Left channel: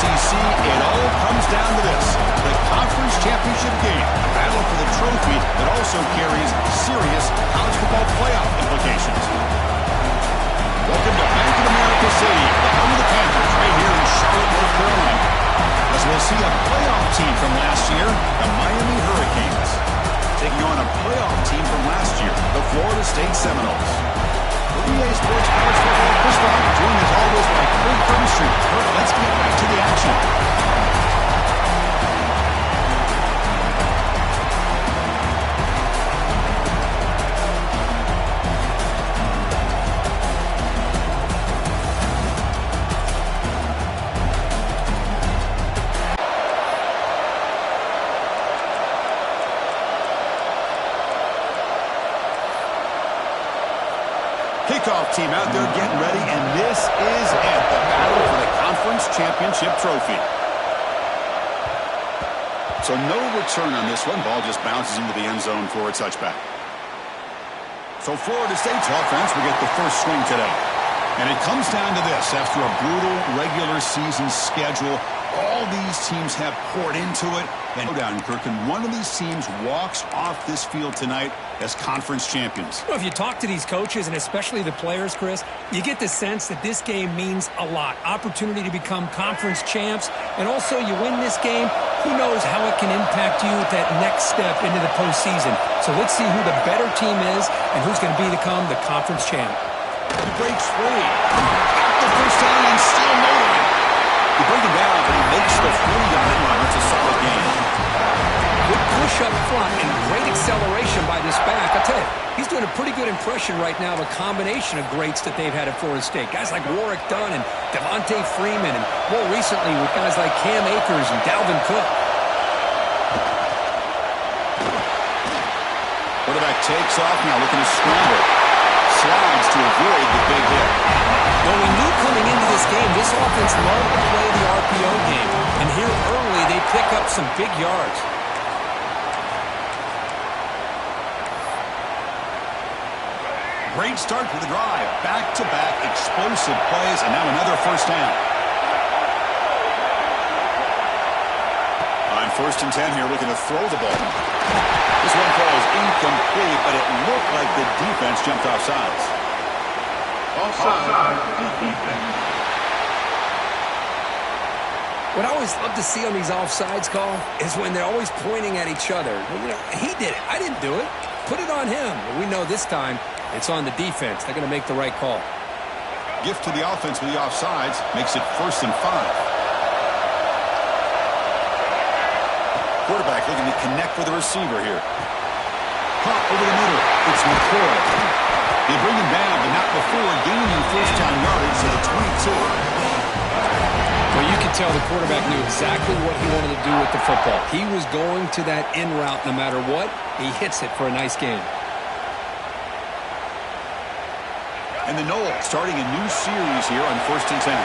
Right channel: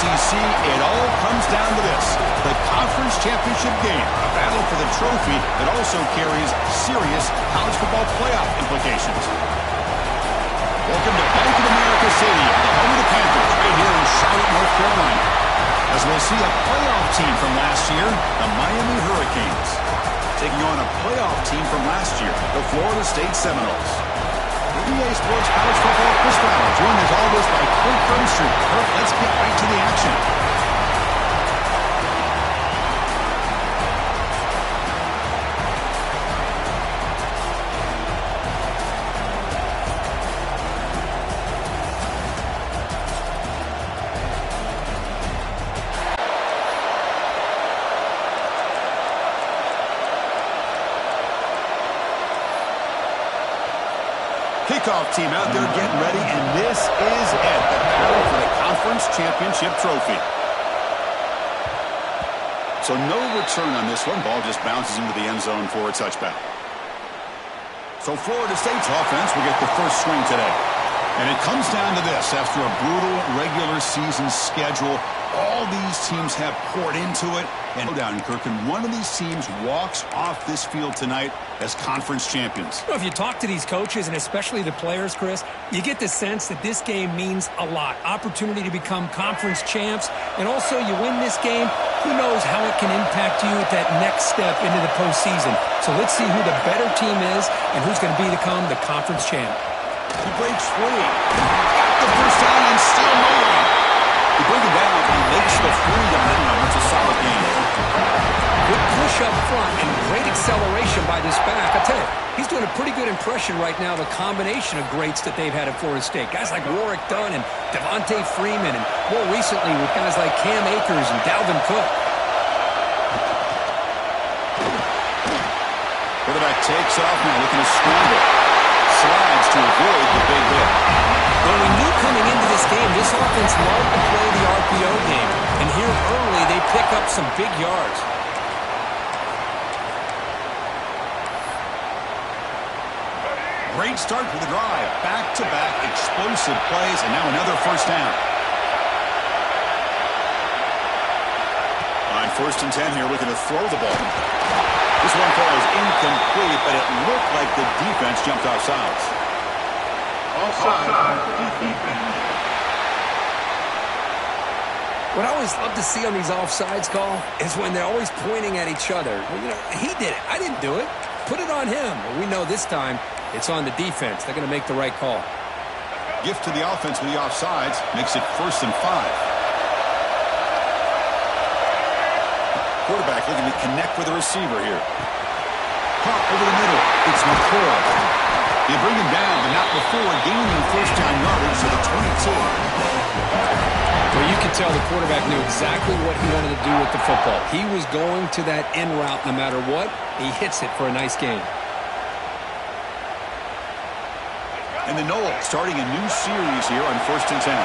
ACC, it all comes down to this. The conference championship game, a battle for the trophy that also carries serious college football playoff implications. Welcome to Bank of America Stadium, the home of the Panthers, right here in Charlotte, North Carolina. As we'll see a playoff team from last year, the Miami Hurricanes, taking on a playoff team from last year, the Florida State Seminoles. For EA Sports College Football, Chris Brown, joined as always by Kurt Brumstreet. Kurt, let's get right to the action. Kickoff team out there getting ready, and this is it, the battle for the conference championship trophy. So no return on this one. Ball just bounces into the end zone for a touchback. So Florida State's offense will get the first swing today. And it comes down to this. After a brutal regular season schedule, all these teams have poured into it. And go down, Kirk, and one of these teams walks off this field tonight as conference champions. Well, if you talk to these coaches, and especially the players, Chris, you get the sense that this game means a lot. Opportunity to become conference champs, and also you win this game, who knows how it can impact you at that next step into the postseason. So let's see who the better team is and who's going to become the conference champ. He breaks free. Got the first down and still motoring. He brings him down, but he makes the 40-yard line. It's a solid game. Good push up front and great acceleration by this back. I tell you, he's doing a pretty good impression right now of a combination of greats that they've had at Florida State. Guys like Warwick Dunn and Devontae Freeman, and more recently with guys like Cam Akers and Dalvin Cook. Quarterback takes off now, looking to scramble. Slides to avoid the big hit. Well, we knew coming into this game, this offense loved to play the RPO game. And here early, they pick up some big yards. Great start to the drive. Back-to-back explosive plays, and now another first down. On 1st and 10 here, looking to throw the ball. This one falls incomplete, but it looked like the defense jumped off sides. Offside defense. What I always love to see on these offsides call is when they're always pointing at each other. You know, he did it. I didn't do it. Put it on him. But we know this time it's on the defense. They're going to make the right call. Gift to the offense with the offsides makes it 1st and 5. Quarterback looking to connect with the receiver here. Caught over the middle. It's McCoy. They bring him down, but not before gaining first down yardage to the 22. Well, you could tell the quarterback knew exactly what he wanted to do with the football. He was going to that in route no matter what. He hits it for a nice gain. And the Noles starting a new series here on 1st and 10.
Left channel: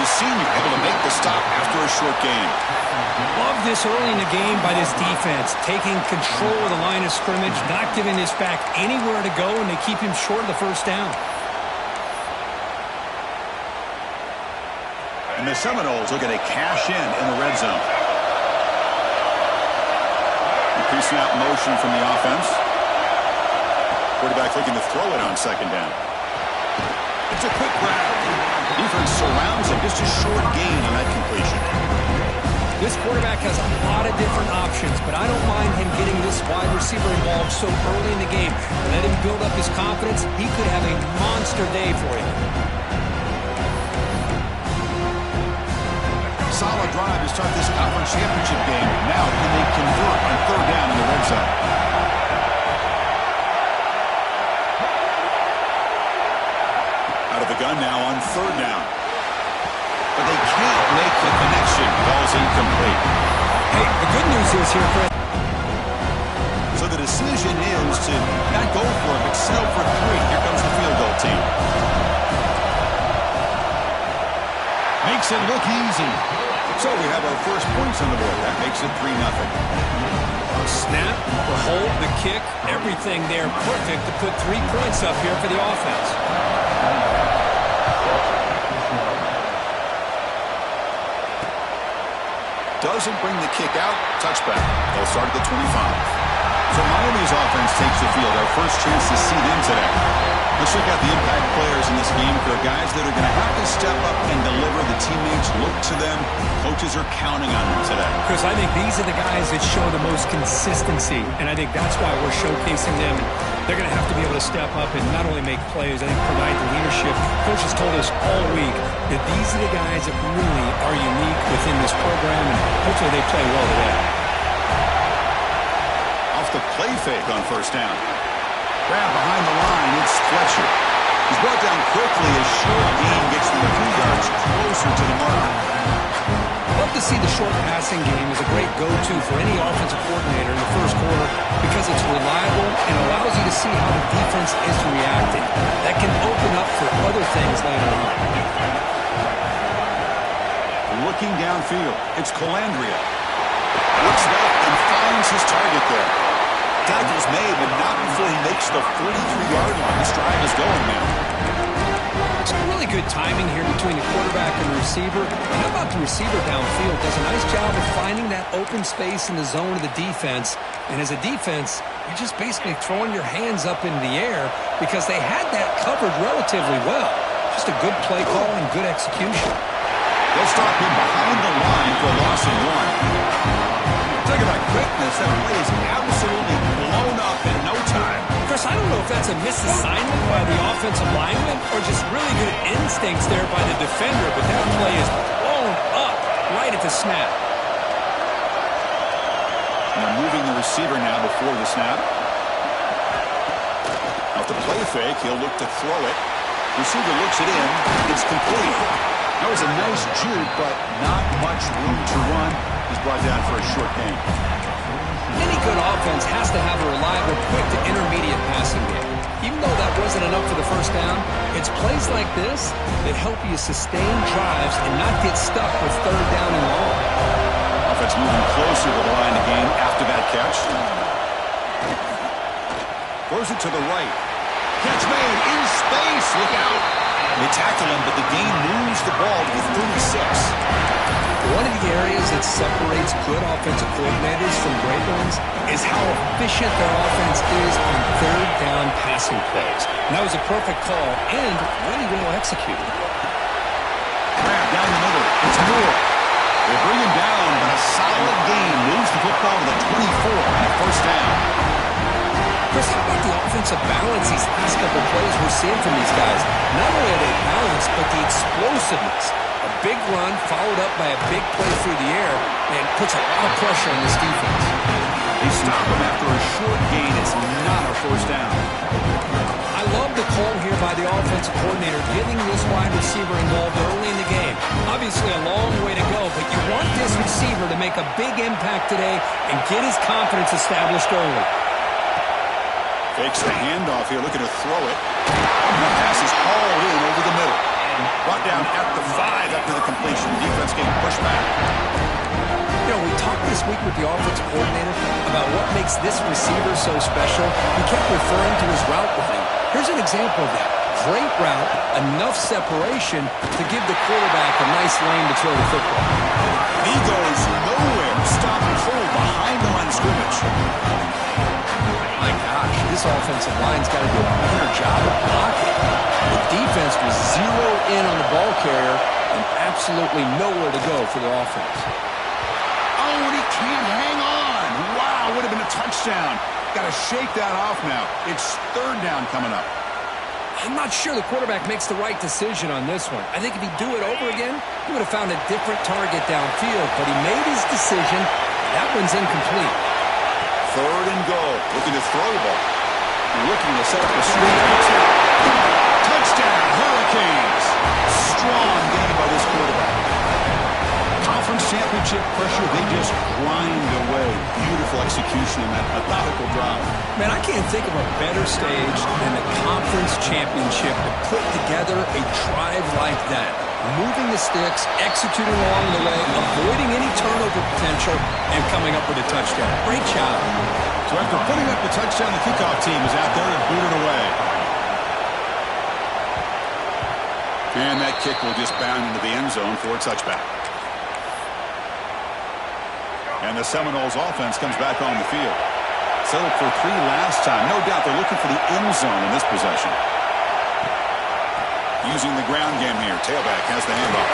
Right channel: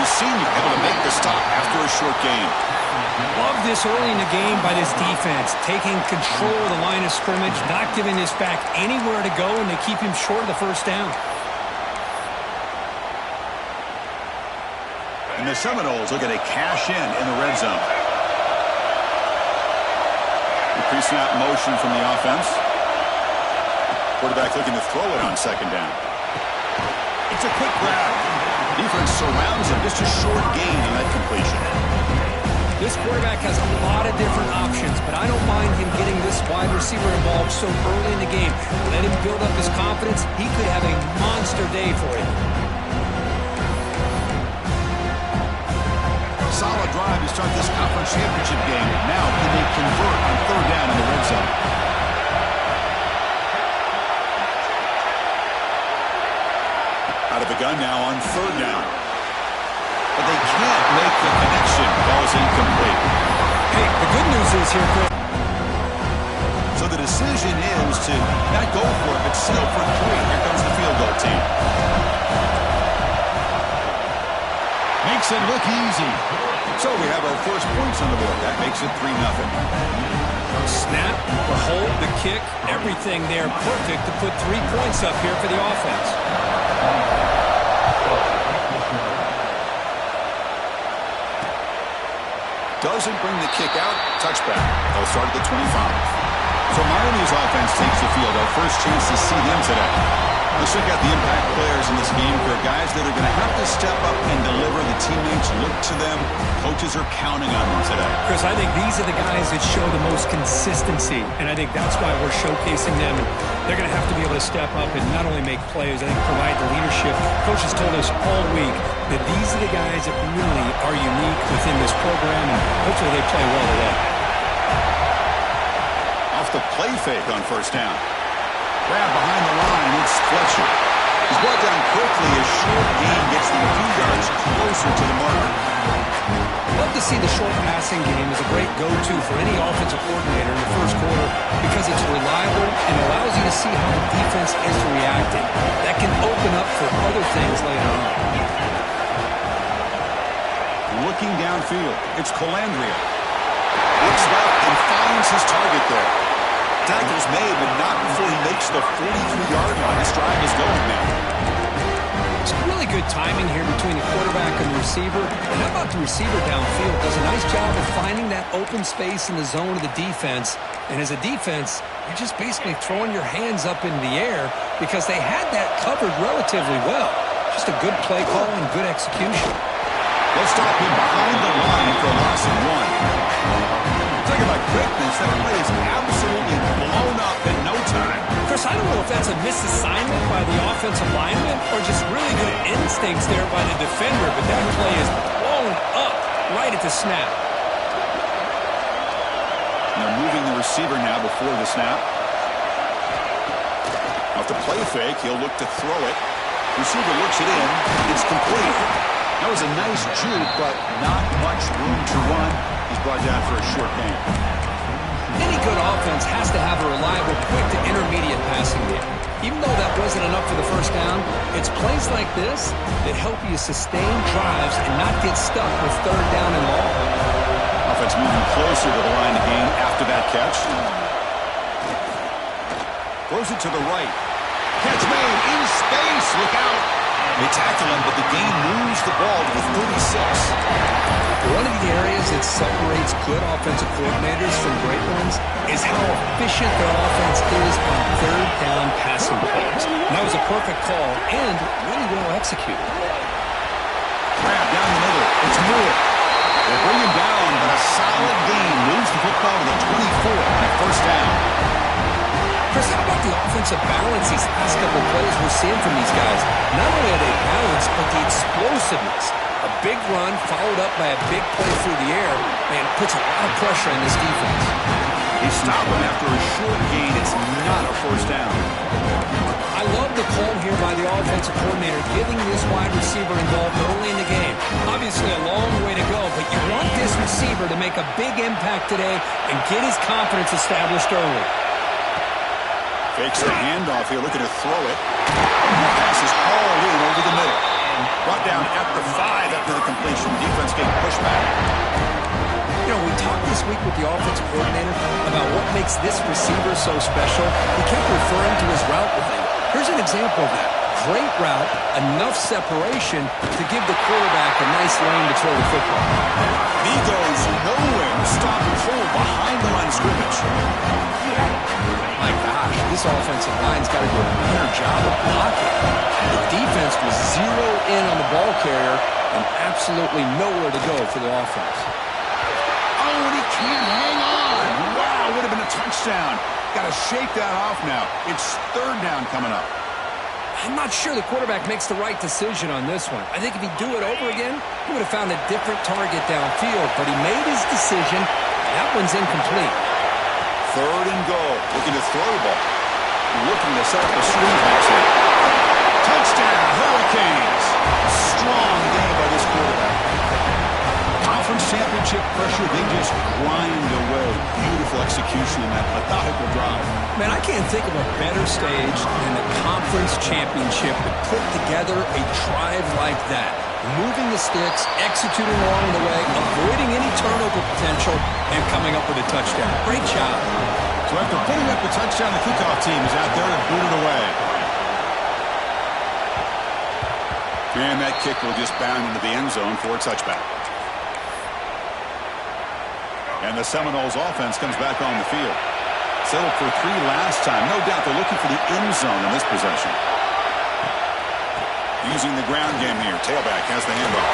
The senior able to make the stop after a short game. Love this early in the game by this defense, taking control of the line of scrimmage, not giving this back anywhere to go, and they keep him short of the first down. And the Seminoles looking to cash in the red zone. Increasing out motion from the offense. Quarterback looking to throw it on 2nd down. It's a quick grab. Defense surrounds him. Just a short gain on that completion. This quarterback has a lot of different options, but I don't mind him getting this wide receiver involved so early in the game. Let him build up his confidence. He could have a monster day for him. Solid drive to start this conference championship game. Now, can they convert on 3rd down in the red zone? Out of the gun now on 3rd down. But they can't make the connection. Ball's incomplete. Hey, the good news is here, Chris. So the decision is to not go for it, but settle for 3. Here comes the field goal team. Makes it look easy. So we have our first points on the board. That makes it 3-0. Snap, the hold, the kick, everything there perfect to put 3 points up here for the offense. doesn't bring the kick out. Touchback. They'll start at the 25. So Miami's offense takes the field. Our first chance to see them today. Let's check out the impact players in this game. There are guys that are going to have to step up and deliver. The teammates look to them. Coaches are counting on them today. Chris, I think these are the guys that show the most consistency, and I think that's why we're showcasing them. And they're going to have to be able to step up and not only make plays, I think provide the leadership. Coach has told us all week that these are the guys that really are unique within this program, and hopefully they play well today. Off the play fake on first down. Grab behind the line, it's Fletcher. He's brought down quickly. A short gain gets them a few yards closer to the marker. Love to see the short passing game as a great go-to for any offensive coordinator in the first quarter because it's reliable and allows you to see how the defense is reacting. That can open up for other things later on. Looking downfield, it's Colandrea. Looks left and finds his target there. Tackle's made, but not before he makes the 43-yard line. This drive is going now. It's really good timing here between the quarterback and the receiver. And how about the receiver downfield? Does a nice job of finding that open space in the zone of the defense. And as a defense, you're just basically throwing your hands up in the air because they had that covered relatively well. Just a good play call and good execution. They'll stop him behind the line for a loss of 1. Talking about quickness, that play is absolutely blown up in no time. Chris, I don't know if that's a misassignment by the offensive lineman or just really good instincts there by the defender, but that play is blown up right at the snap. And they're moving the receiver now before the snap. Off the play fake, he'll look to throw it. Receiver looks it in. It's complete. That was a nice juke, but not much room to run. He's brought down for a short gain. Any good offense has to have a reliable, quick to intermediate passing game. Even though that wasn't enough for the first down, it's plays like this that help you sustain drives and not get stuck with third down and long. Offense moving closer to the line of game after that catch. Throws it to the right. Catch made in space. Look out. They tackle him, but the gain moves the ball to the 36. One of the areas that separates good offensive coordinators from great ones is how efficient their offense is on third down passing plays. And that was a perfect call and really well executed. Grab down the middle. It's Moore. They bring him down, but a solid gain moves the football to the 24 and a first down. Chris, how about the offensive balance these last couple plays we're seeing from these guys? Not only are they balanced, but the explosiveness. A big run followed up by a big play through the air, man, puts a lot of pressure on this defense. They stop him after a short gain. It's not a first down. I love the call here by the offensive coordinator, getting this wide receiver involved early in the game. Obviously a long way to go, but you want this receiver to make a big impact today and get his confidence established early. Fakes the handoff here, looking to throw it. The pass is hauled in over the middle. Brought down at the 5 after the completion. Defense getting pushed back. You know, we talked this week with the offensive coordinator about what makes this receiver so special. He kept referring to his route with him. Here's an example of that. Great route, enough separation to give the quarterback a nice lane to throw the football. He goes nowhere. Stop and hold behind the line of scrimmage. My gosh, this offensive line's got to do a better job of blocking. The defense was zeroed in on the ball carrier and absolutely nowhere to go for the offense. Oh, and he can't hang on. Wow, would have been a touchdown. Got to shake that off now. It's third down coming up. I'm not sure the quarterback makes the right decision on this one. I think if he'd do it over again, he would have found a different target downfield, but he made his decision. That one's incomplete. Third and goal. Looking to throw the ball. Looking to set up a screen pass here. Touchdown, Hurricanes. Strong game by this quarterback. Conference championship pressure, they just grind away. Beautiful execution in that methodical drive. Man, I can't think of a better stage than the conference championship to put together a drive like that. Moving the sticks, executing along the way, avoiding any turnover potential, and coming up with a touchdown. Great job. So after putting up the touchdown, the kickoff team is out there to boot it away. And that kick will just bound into the end zone for a touchback. And the Seminoles offense comes back on the field. Settled for 3 last time. No doubt they're looking for the end zone in this possession. Using the ground game here. Tailback has the handoff.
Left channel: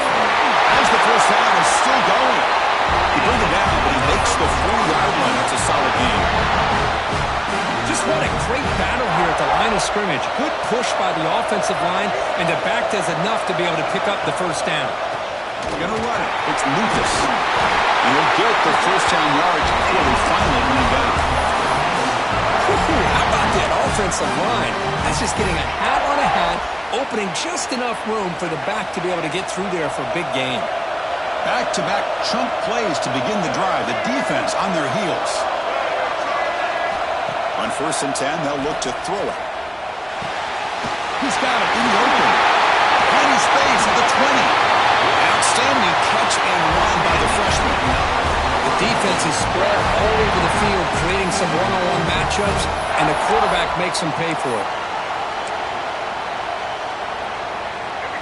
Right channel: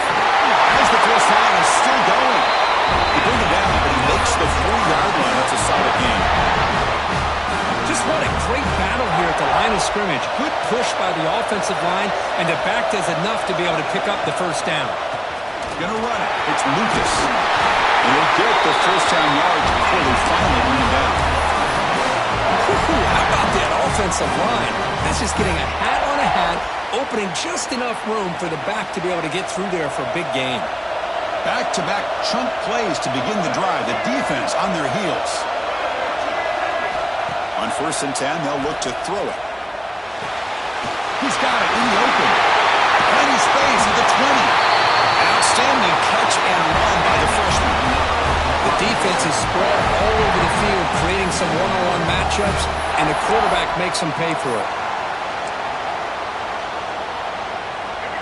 As the first down is still going. You bring him down, but he makes the 40-yard line. That's a solid game. Just what a great battle here at the line of scrimmage. Good push by the offensive line, and the back does enough to be able to pick up the first down. Going to run it. It's Lucas. And he'll get the first down yards before they finally bring him down. How about that offensive line? That's just getting a hat on a hat, opening just enough room for the back to be able to get through there for a big gain. Back-to-back chunk plays to begin the drive. The defense on their heels. On 1st and 10, they'll look to throw it. He's got it in the open. Plenty space at the 20. An outstanding catch and run by the freshman. The defense is spread all over the field, creating some one-on-one matchups, and the quarterback makes them pay for it.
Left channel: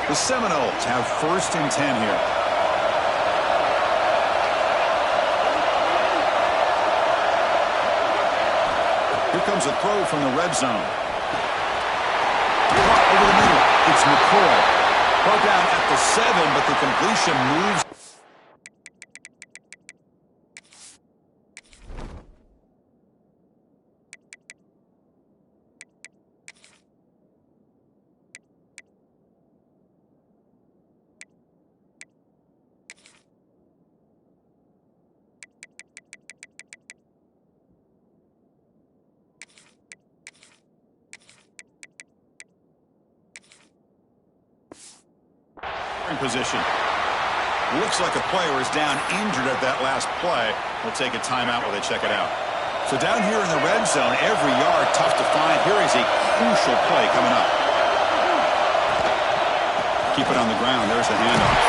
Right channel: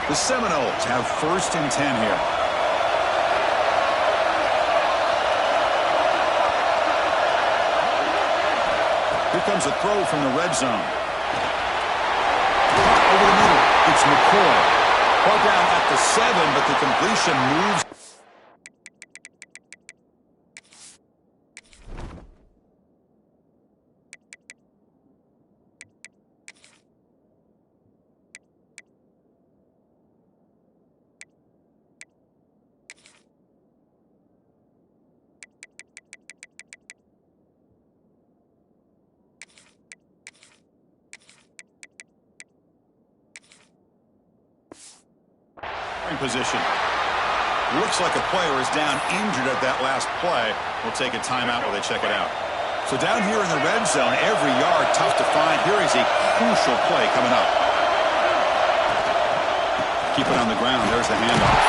The Seminoles have 1st and 10 here. Here comes a throw from the red zone. Over the middle, it's McCoy. Brought down at the 7, but the completion moves. Position. Looks like a player is down injured at that last play. We'll take a timeout while they check it out. So down here in the red zone, every yard tough to find. Here is a crucial play coming up. Keep it on the ground. There's the handoff.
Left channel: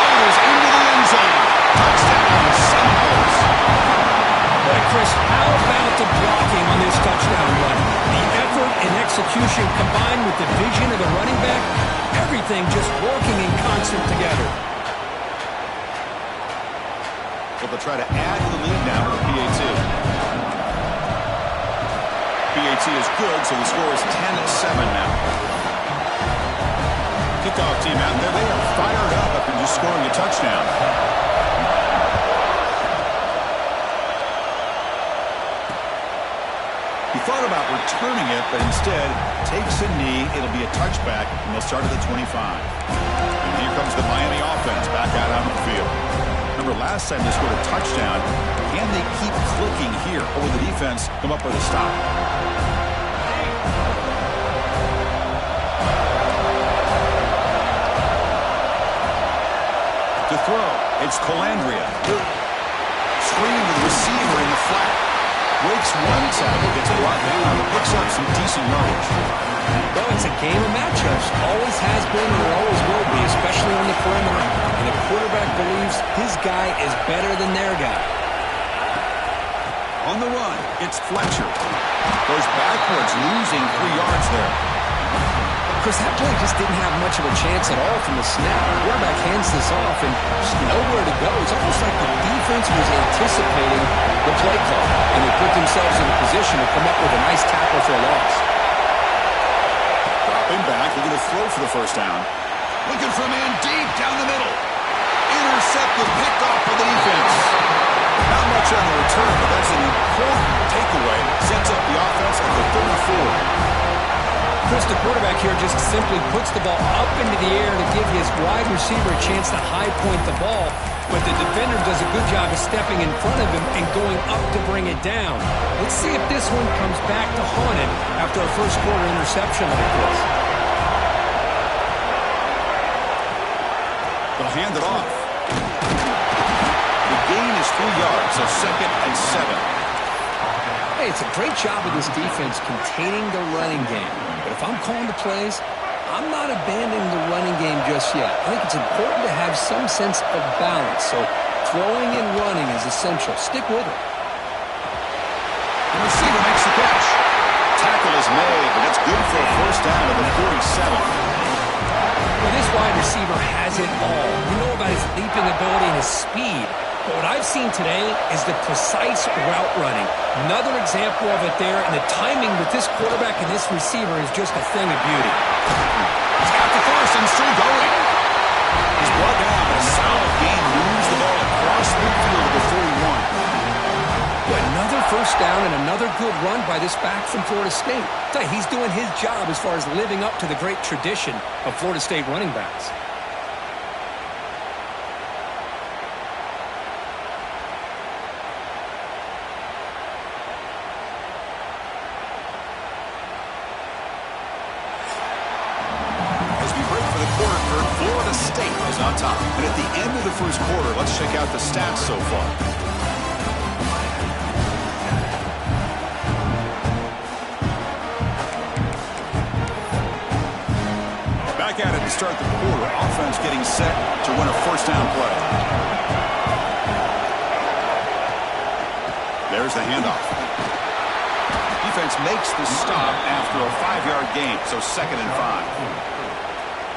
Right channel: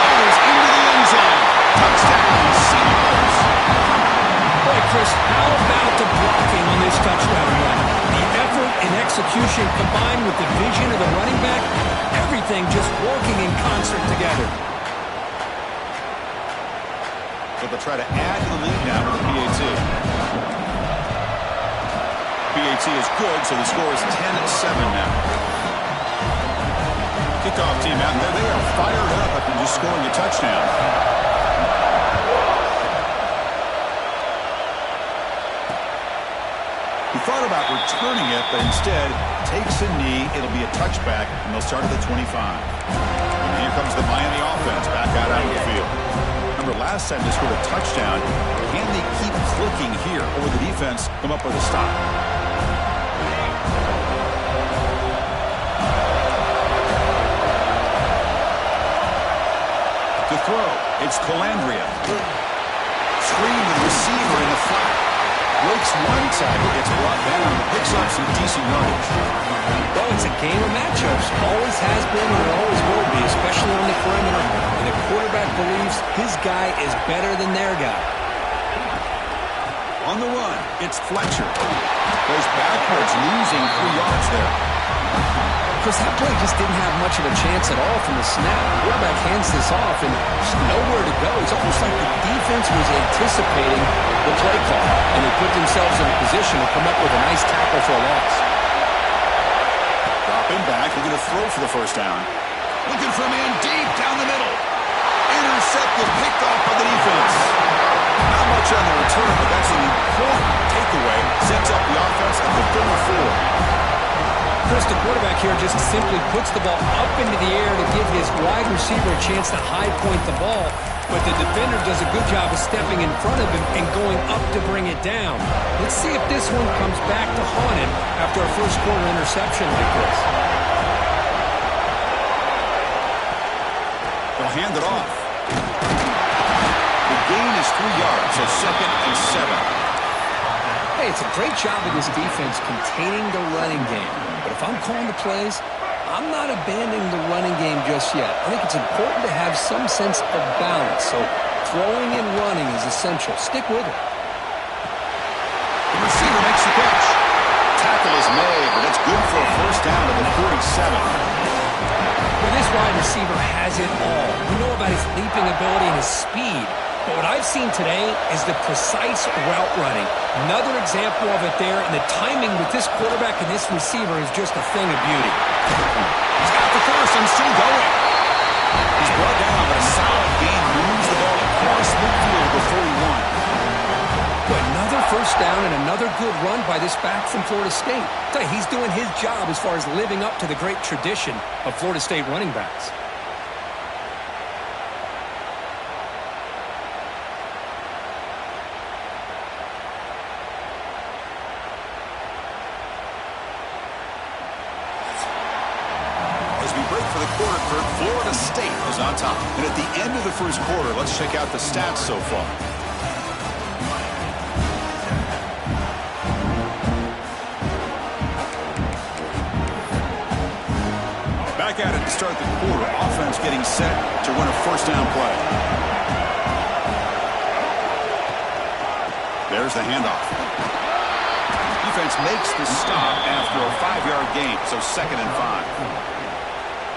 Motors into the end zone. Touchdown, Seminoles. Boy, Chris, how about the blocking on this touchdown run? The effort and execution combined with the vision of the running back, everything just working in concert together. So they'll try to add to the lead now with the PAT. PAT is good, so the score is 10-7 now. Kickoff team out there, they are fired up after just scoring a touchdown. He thought about returning it, but instead takes a knee. It'll be a touchback, and they'll start at the 25. And here comes the Miami offense back out onto the field. Remember, last time they scored a touchdown. Can they keep clicking here, or will the defense come up with a stop? To throw, it's Colandrea. Screen with the receiver in the flat. Breaks one tackle, gets brought down, but picks up some decent yardage. Well, it's a game of matchups. Always has been and it always will be, especially on the perimeter. And the quarterback believes his guy is better than their guy. On the run, it's Fletcher. Goes backwards, losing 3 yards there. Chris, that play just didn't have much of a chance at all from the snap. The quarterback hands this off and there's nowhere to go. It's almost like the defense was anticipating the play call, and they put themselves in a position to come up with a nice tackle for a loss. Dropping back, looking to throw for the first down. Looking for a man deep down the middle. Intercepted, picked off by the defense. Not much on the return, but that's an important takeaway. Sets up the offense at the 34. Chris, the quarterback here just simply puts the ball up into the air to give his wide receiver a chance to high point the ball, but the defender does a good job of stepping in front of him and going up to bring it down. Let's see if this one comes back to haunt him after a first quarter interception like this. They'll hand it off. The gain is 3 yards, so 2nd and 7. Hey, it's a great job of this defense containing the running game. But if I'm calling the plays, I'm not abandoning the running game just yet. I think it's important to have some sense of balance. So throwing and running is essential. Stick with it. The receiver makes the catch. Tackle is made, but it's good for a first down to the 47. Well, this wide receiver has it all. We know about his leaping ability and his speed. But what I've seen today is the precise route running. Another example of it there, and the timing with this quarterback and this receiver is just a thing of beauty. He's got the first and still going. He's brought down, but a solid gain moves the ball across midfield to the 41. But another first down and another good run by this back from Florida State. I tell you, he's doing his job as far as living up to the great tradition of Florida State running backs. As we break for the quarter, Florida State is on top. And at the end of the first quarter, let's check out the stats so far. Back at it to start the quarter. Offense getting set to run a first down play. There's the handoff. Defense makes the stop after a 5-yard gain, so 2nd and 5.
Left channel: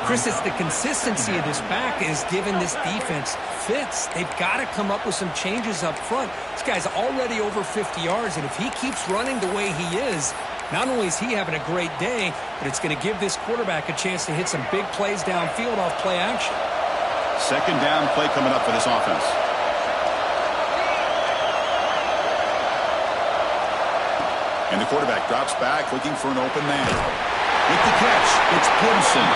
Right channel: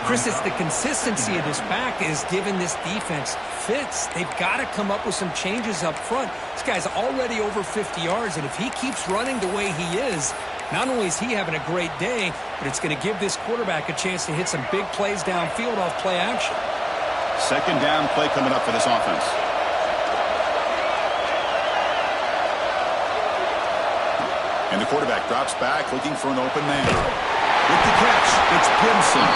Chris, it's the consistency of this back is giving this defense fits. They've got to come up with some changes up front. This guy's already over 50 yards, and if he keeps running the way he is, not only is he having a great day, but it's going to give this quarterback a chance to hit some big plays downfield off play action. 2nd down play coming up for this offense. And the quarterback drops back looking for an open man. With the catch, it's Gibson.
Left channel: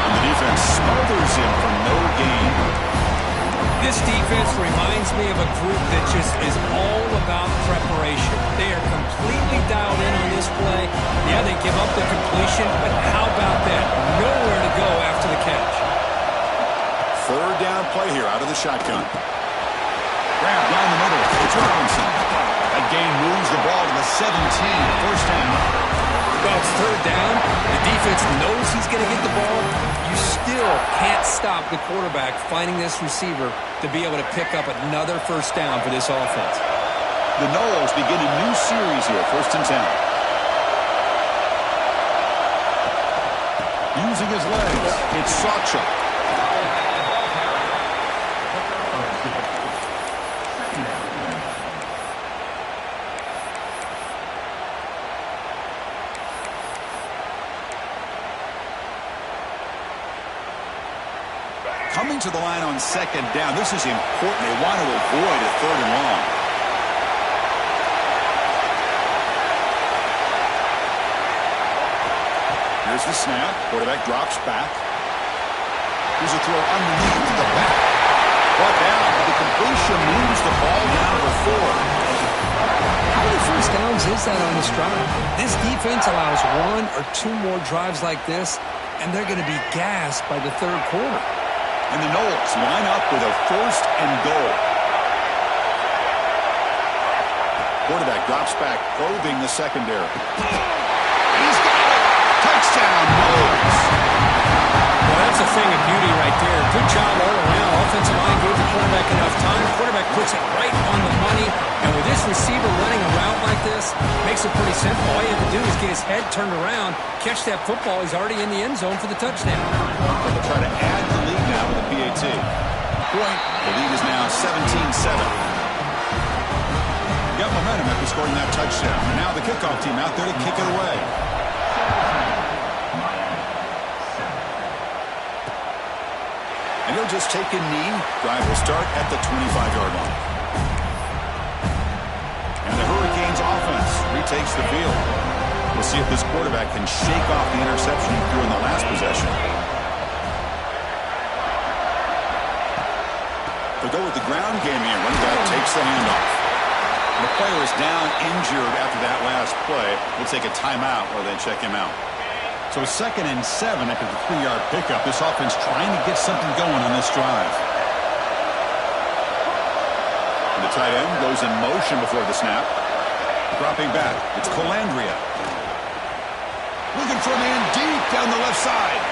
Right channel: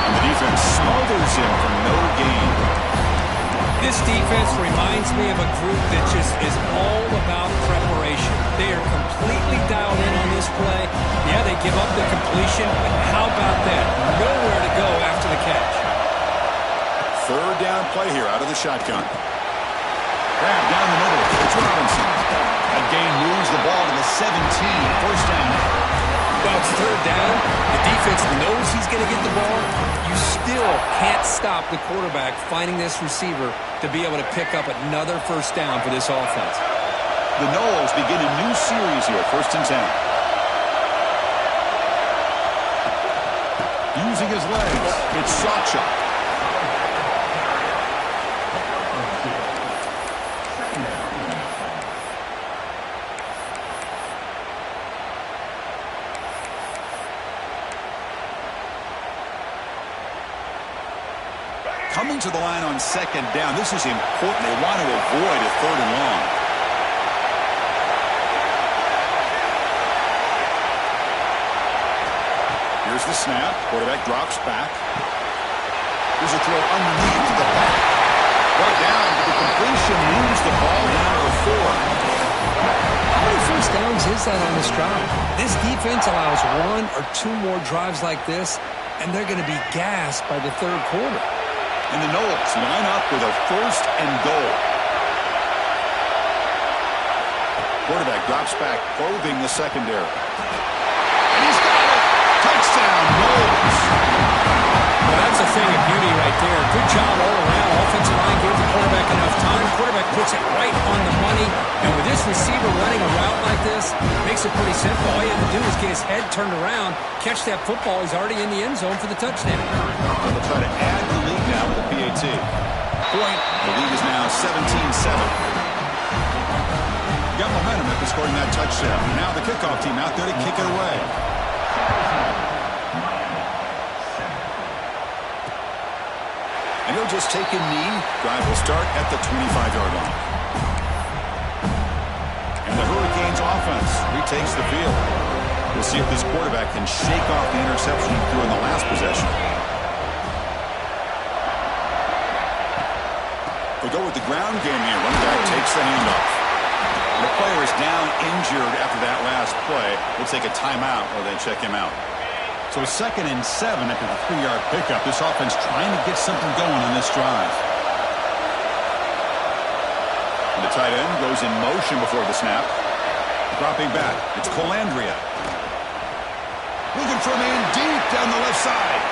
And the defense smothers him for no gain. This defense reminds me of a group that just is all about preparation. They are completely dialed in on this play. Yeah, they give up the completion, but how about that? Nowhere to go after the catch. 3rd down play here out of the shotgun. Grab down the middle. It's Robinson. That gain moves the ball to the 17. First down. Well, it's 3rd down. The defense knows he's going to get the ball. You still can't stop the quarterback finding this receiver to be able to pick up another first down for this offense. The Noles begin a new series here, 1st and 10. Using his legs, it's Sawchuk. Coming to the line on 2nd down. This is important. They want to avoid a 3rd and long. Here's the snap. Quarterback drops back. Here's a throw underneath to the back. Brought down, but the completion moves the ball down to the 4. How many first downs is that on this drive? This defense allows 1 or 2 more drives like this, and they're going to be gassed by the 3rd quarter. And the Noles line up with a 1st and goal. Quarterback drops back, probing the secondary. And he's got it! Touchdown, Noles! Well, that's a thing of beauty right there. Good job all around. Offensive line gave the quarterback enough time. Quarterback puts it right on the money. And with this receiver running a route like this, makes it pretty simple. All you have to do is get his head turned around, catch that football. He's already in the end zone for the touchdown. They'll try to add the lead now with a PAT. Point. The lead is now 17-7. Got momentum after scoring that touchdown. Now the kickoff team out there to kick it away. And he'll just take a knee. Drive will start at the 25-yard line. And the Hurricanes offense retakes the field. We'll see if this quarterback can shake off the interception he threw in the last possession. They'll go with the ground game here. Running back takes the handoff. And the player is down injured after that last play. We'll take a timeout while they check him out. So 2nd and 7 after the 3-yard pickup. This offense trying to get something going on this drive. And the tight end goes in motion before the snap. Dropping back. It's Colandrea. Looking for a man deep down the left side.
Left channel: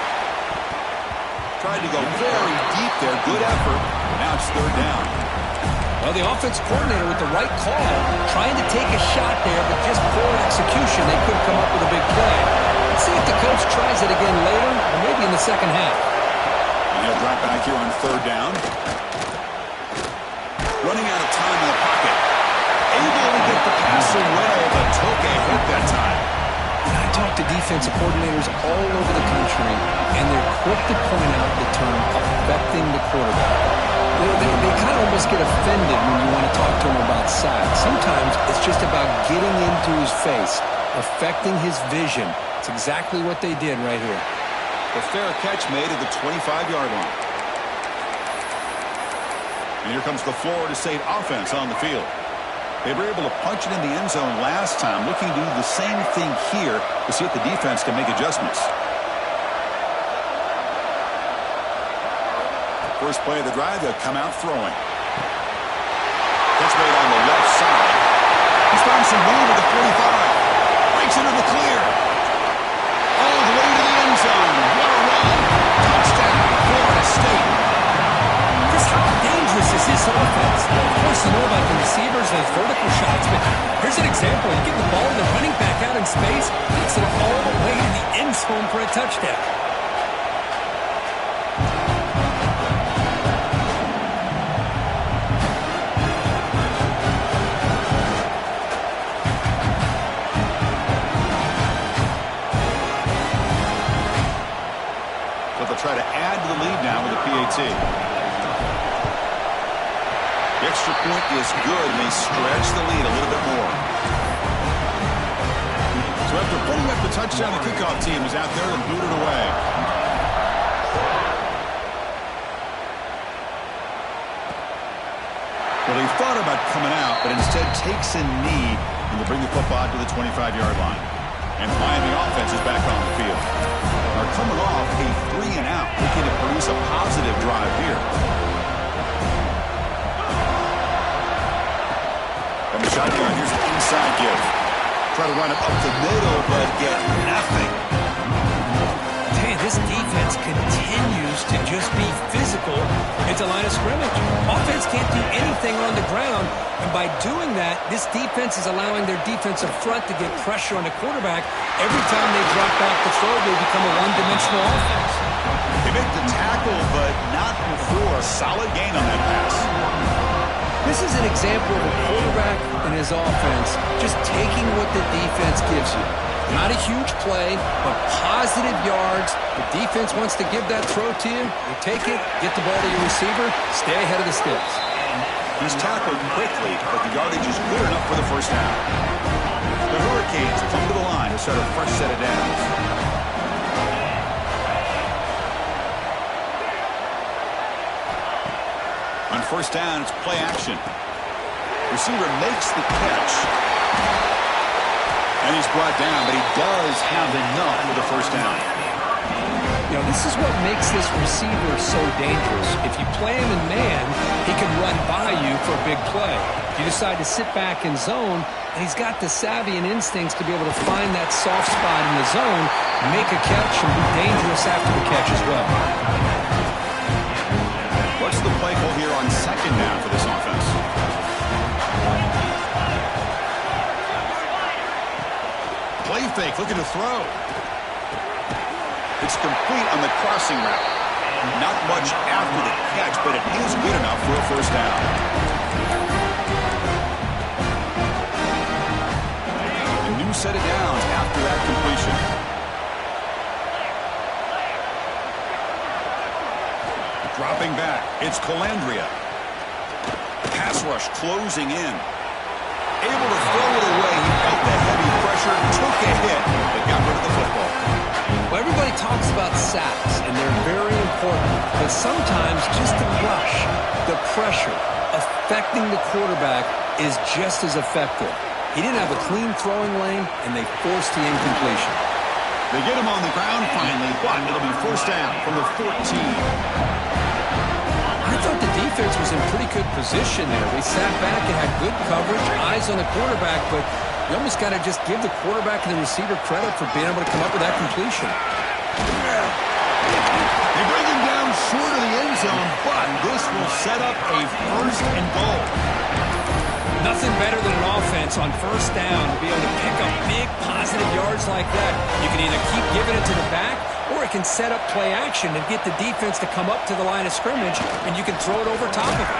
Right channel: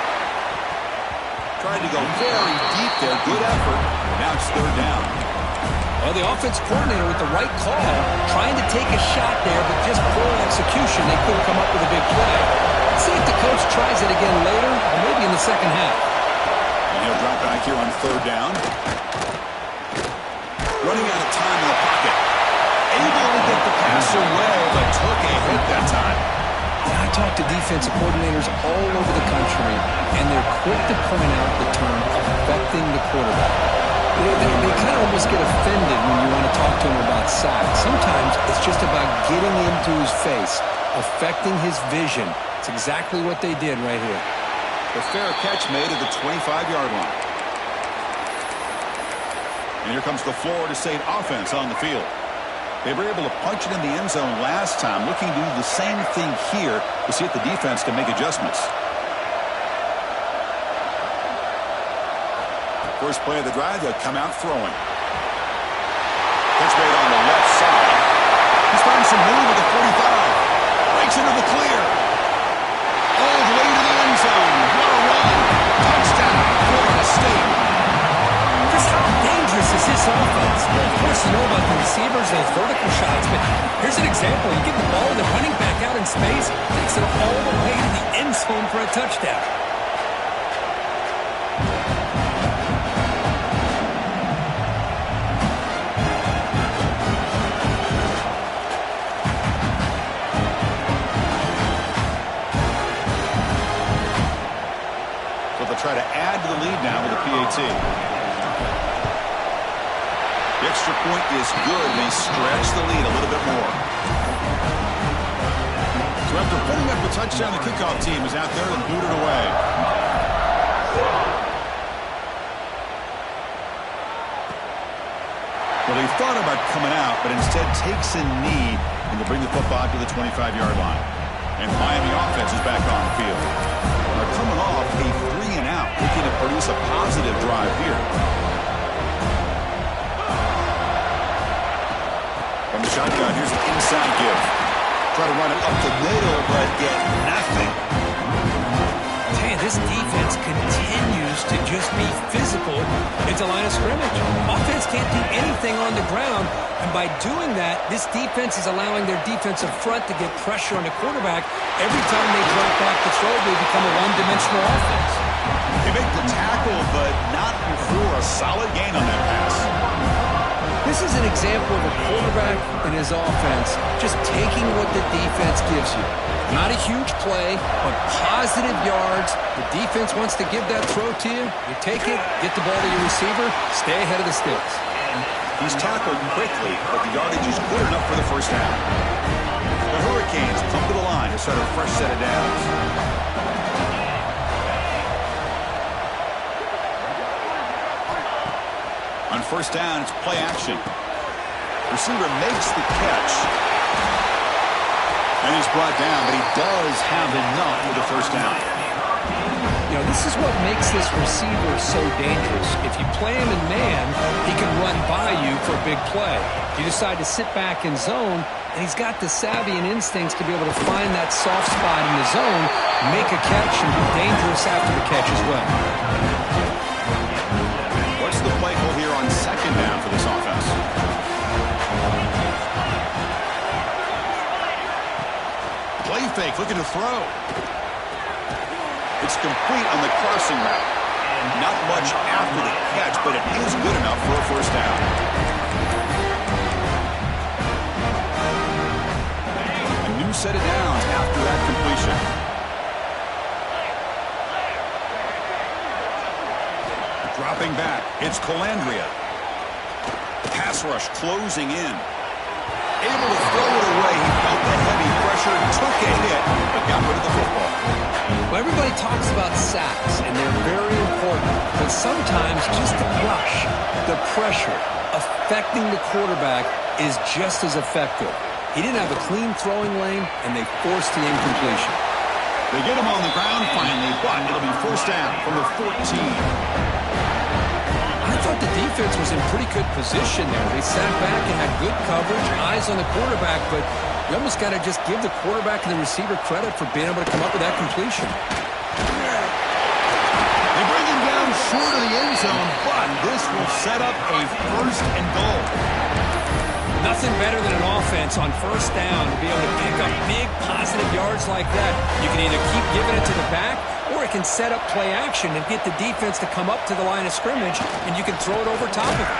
Tried to go very deep there. Good effort. Now it's 3rd down. Well, the offense coordinator with the right call, trying to take a shot there, but just poor execution. They couldn't come up with a big play. Let's see if the coach tries it again later, or maybe in the second half. And he'll drop back here on 3rd down. running out of time in the pocket. Able to get the pass away, but took a hit that time. I talk to defensive coordinators all over the country, and they're quick to point out the term affecting the quarterback. They kind of almost get offended when you want to talk to them about sacks. Sometimes it's just about getting into his face, affecting his vision. It's exactly what they did right here. The fair catch made at the 25-yard line. And here comes the Florida State offense on the field. They were able to punch it in the end zone last time, looking to do the same thing here to see if the defense can make adjustments. First play of the drive, they'll come out throwing. Catch made on the left side. He's found some room at the 45. Breaks into the clear. All the way to the end zone. What a run. Touchdown, Florida State. Chris, how dangerous is this offense? Well, of course, you know about the receivers and those vertical shots, but here's an example. You get the ball and the running back out in space, takes it all the way to the end zone for a touchdown. So they'll try to add to the lead now with the PAT. The extra point is good, and they stretch the lead a little bit more. So after putting up the touchdown, the kickoff team is out there and booted away. Well, he thought about coming out, but instead takes a knee and to bring the football to the 25-yard line. And Miami offense is back on the field. They're coming off a 3-and-out, looking to produce a positive drive here. From the shotgun, here's an inside give. Try to run it up the middle, but get nothing. I tell you, this defense continues to just be physical into line of scrimmage. Offense can't do anything on the ground, and by doing that, this defense is allowing their defensive front to get pressure on the quarterback. Every time they drop back to throw, they become a one-dimensional offense. They make the tackle, but not before a solid gain on that pass. This is an example of a quarterback and his offense just taking what the defense gives you. Not a huge play, but positive yards. The defense wants to give that throw to you. You take it, get the ball to your receiver, stay ahead of the sticks. He's tackled quickly, but the yardage is good enough for the first down. The Hurricanes come to the line to start a fresh set of downs. On first down, it's play action. Receiver makes the catch. And he's brought down, but he does have enough for the first down. You know, this is what makes this receiver so dangerous. If you play him in man, he can run by you for a big play. You decide to sit back in zone, and he's got the savvy and instincts to be able to find that soft spot in the zone, make a catch, and be dangerous after the catch as well. What's the play call here on second down for this offense? Play fake, looking to throw. It's complete on the crossing route. Not much after the catch, but it is good enough for a first down. A new set of downs after that completion. Dropping back, it's Colandrea. Pass rush closing in. Able to throw it away. He felt the heavy pressure, took a hit, but got rid of the football. Well, everybody talks about sacks, and they're very important. But sometimes just the rush, the pressure, affecting the quarterback is just as effective. He didn't have a clean throwing lane, and they forced the incompletion. They get him on the ground finally, but it'll be first down from the 14. I thought the defense was in pretty good position there. They sat back and had good coverage, eyes on the quarterback, but you almost got to just give the quarterback and the receiver credit for being able to come up with that completion. They bring him down short of the end zone, but this will set up a first and goal. Nothing better than an offense on first down to be able to pick up big positive yards like that. You can either keep giving it to the back, or it can set up play action and get the defense to come up to the line of scrimmage, and you can throw it over top of it.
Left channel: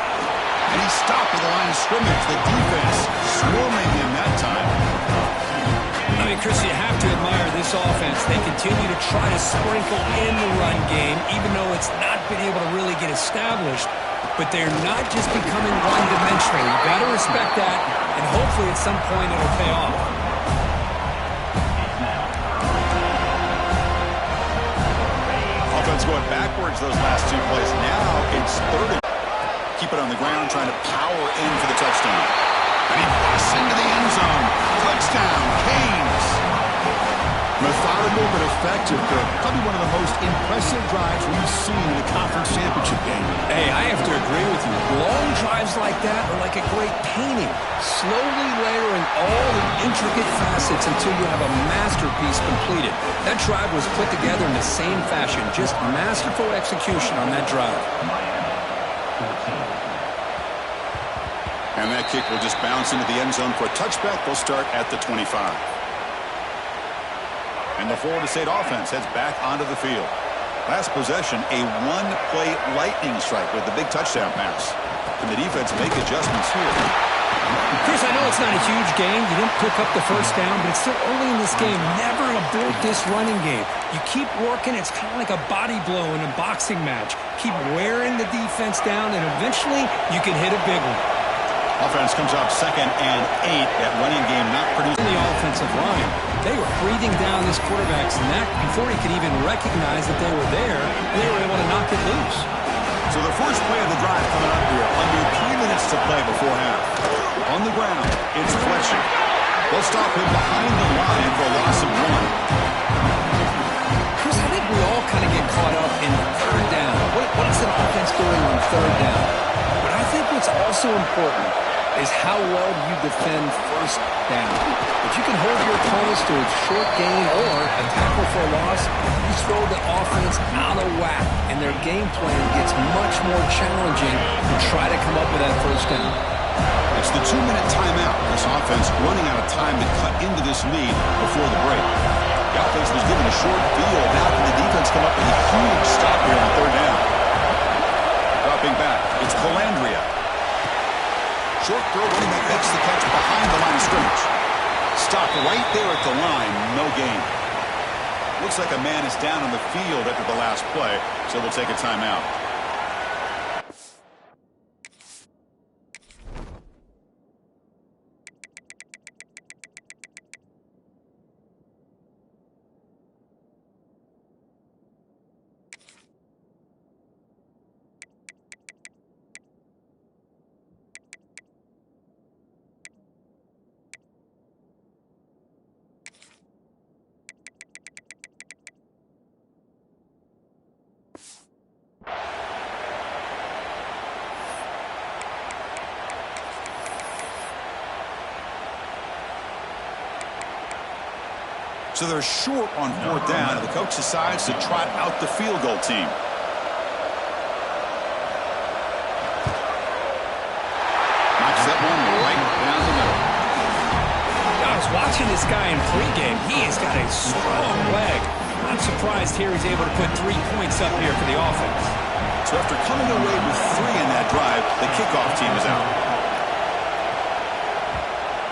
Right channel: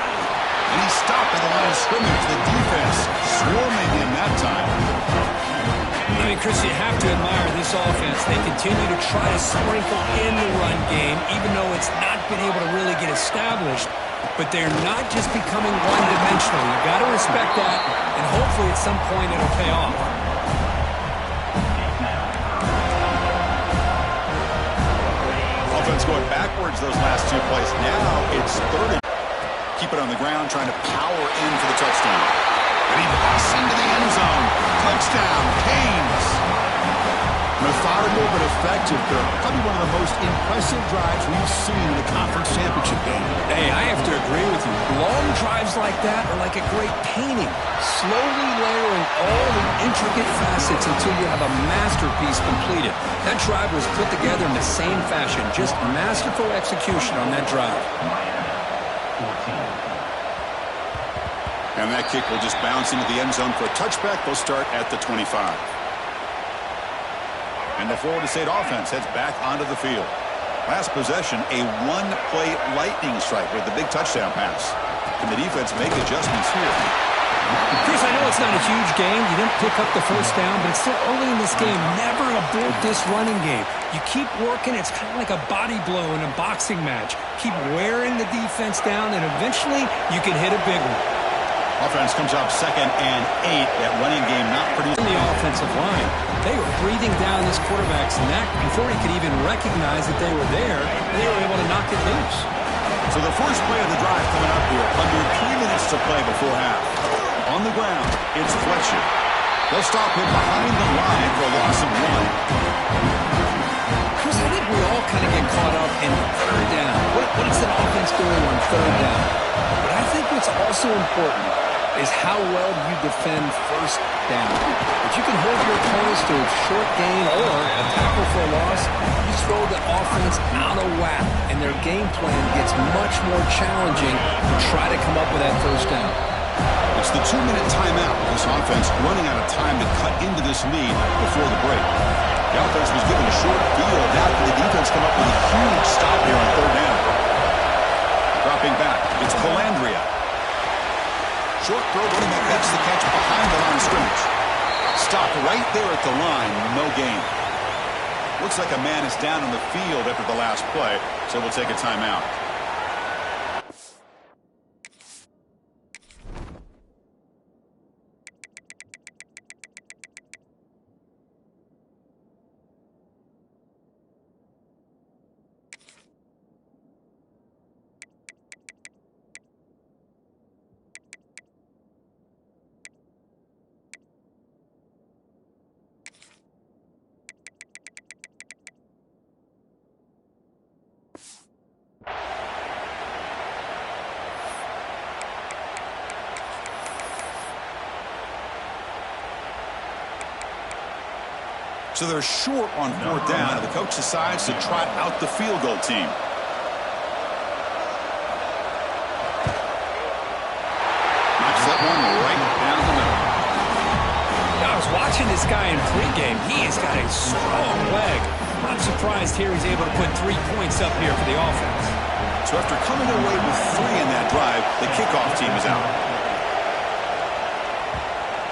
And he's stopped at the line of scrimmage. The defense swarming him that time. I mean, Chris, you have to admire this offense. They continue to try to sprinkle in the run game, even though it's not been able to really get established. But they're not just becoming one-dimensional. You've got to respect that, and hopefully at some point it'll pay off. Offense going backwards those last two plays. Now it's 30. Keep it on the ground, trying to power in for the touchdown. And he busts into the end zone. Touchdown, Canes. Methodical but effective, Kirk. Probably one of the most impressive drives we've seen in a conference championship game. Hey, I have to agree with you. Long drives like that are like a great painting. Slowly layering all the intricate facets until you have a masterpiece completed. That drive was put together in the same fashion. Just masterful execution on that drive. And that kick will just bounce into the end zone for a touchback. They'll start at the 25. And the Florida State offense heads back onto the field. Last possession, a one-play lightning strike with the big touchdown pass. Can the defense make adjustments here? Chris, I know it's not a huge game. You didn't pick up the first down, but it's still early in this game. Never abort this running game. You keep working. It's kind of like a body blow in a boxing match. Keep wearing the defense down, and eventually you can hit a big one. Offense comes up 2nd and 8. That running game not producing. The offensive line, they were breathing down this quarterback's neck before he could even recognize that they were there, and they were able to knock it loose. So the first play of the drive coming up here. Under 3 minutes to play before half. On the ground, it's Fletcher. They'll stop him behind the line for a loss of 1. Chris, I think we all kind of get caught up in third down. What is an offense doing on third down? But I think what's also important is how well you defend first down. If you can hold your opponents to a short gain or a tackle for a loss, you throw the offense out of whack, and their game plan gets much more challenging to try to come up with that first down. It's the 2-minute timeout. This offense running out of time to cut into this lead before the break. The offense was given a short field. Now can the defense come up with a huge stop here on third down? Dropping back, it's Calandria. Short throw, running back makes the catch behind the line of scrimmage. Stopped right there at the line, no gain. Looks like a man is down on the field after the last play, so we'll take a timeout. So they're short on fourth down, and the coach decides to trot out the field goal team. Knocks that one right down the middle. I was watching this guy in pregame. He has got a strong leg. I'm surprised here he's able to put 3 points up here for the offense. So after coming away with 3 in that drive, the kickoff team is out.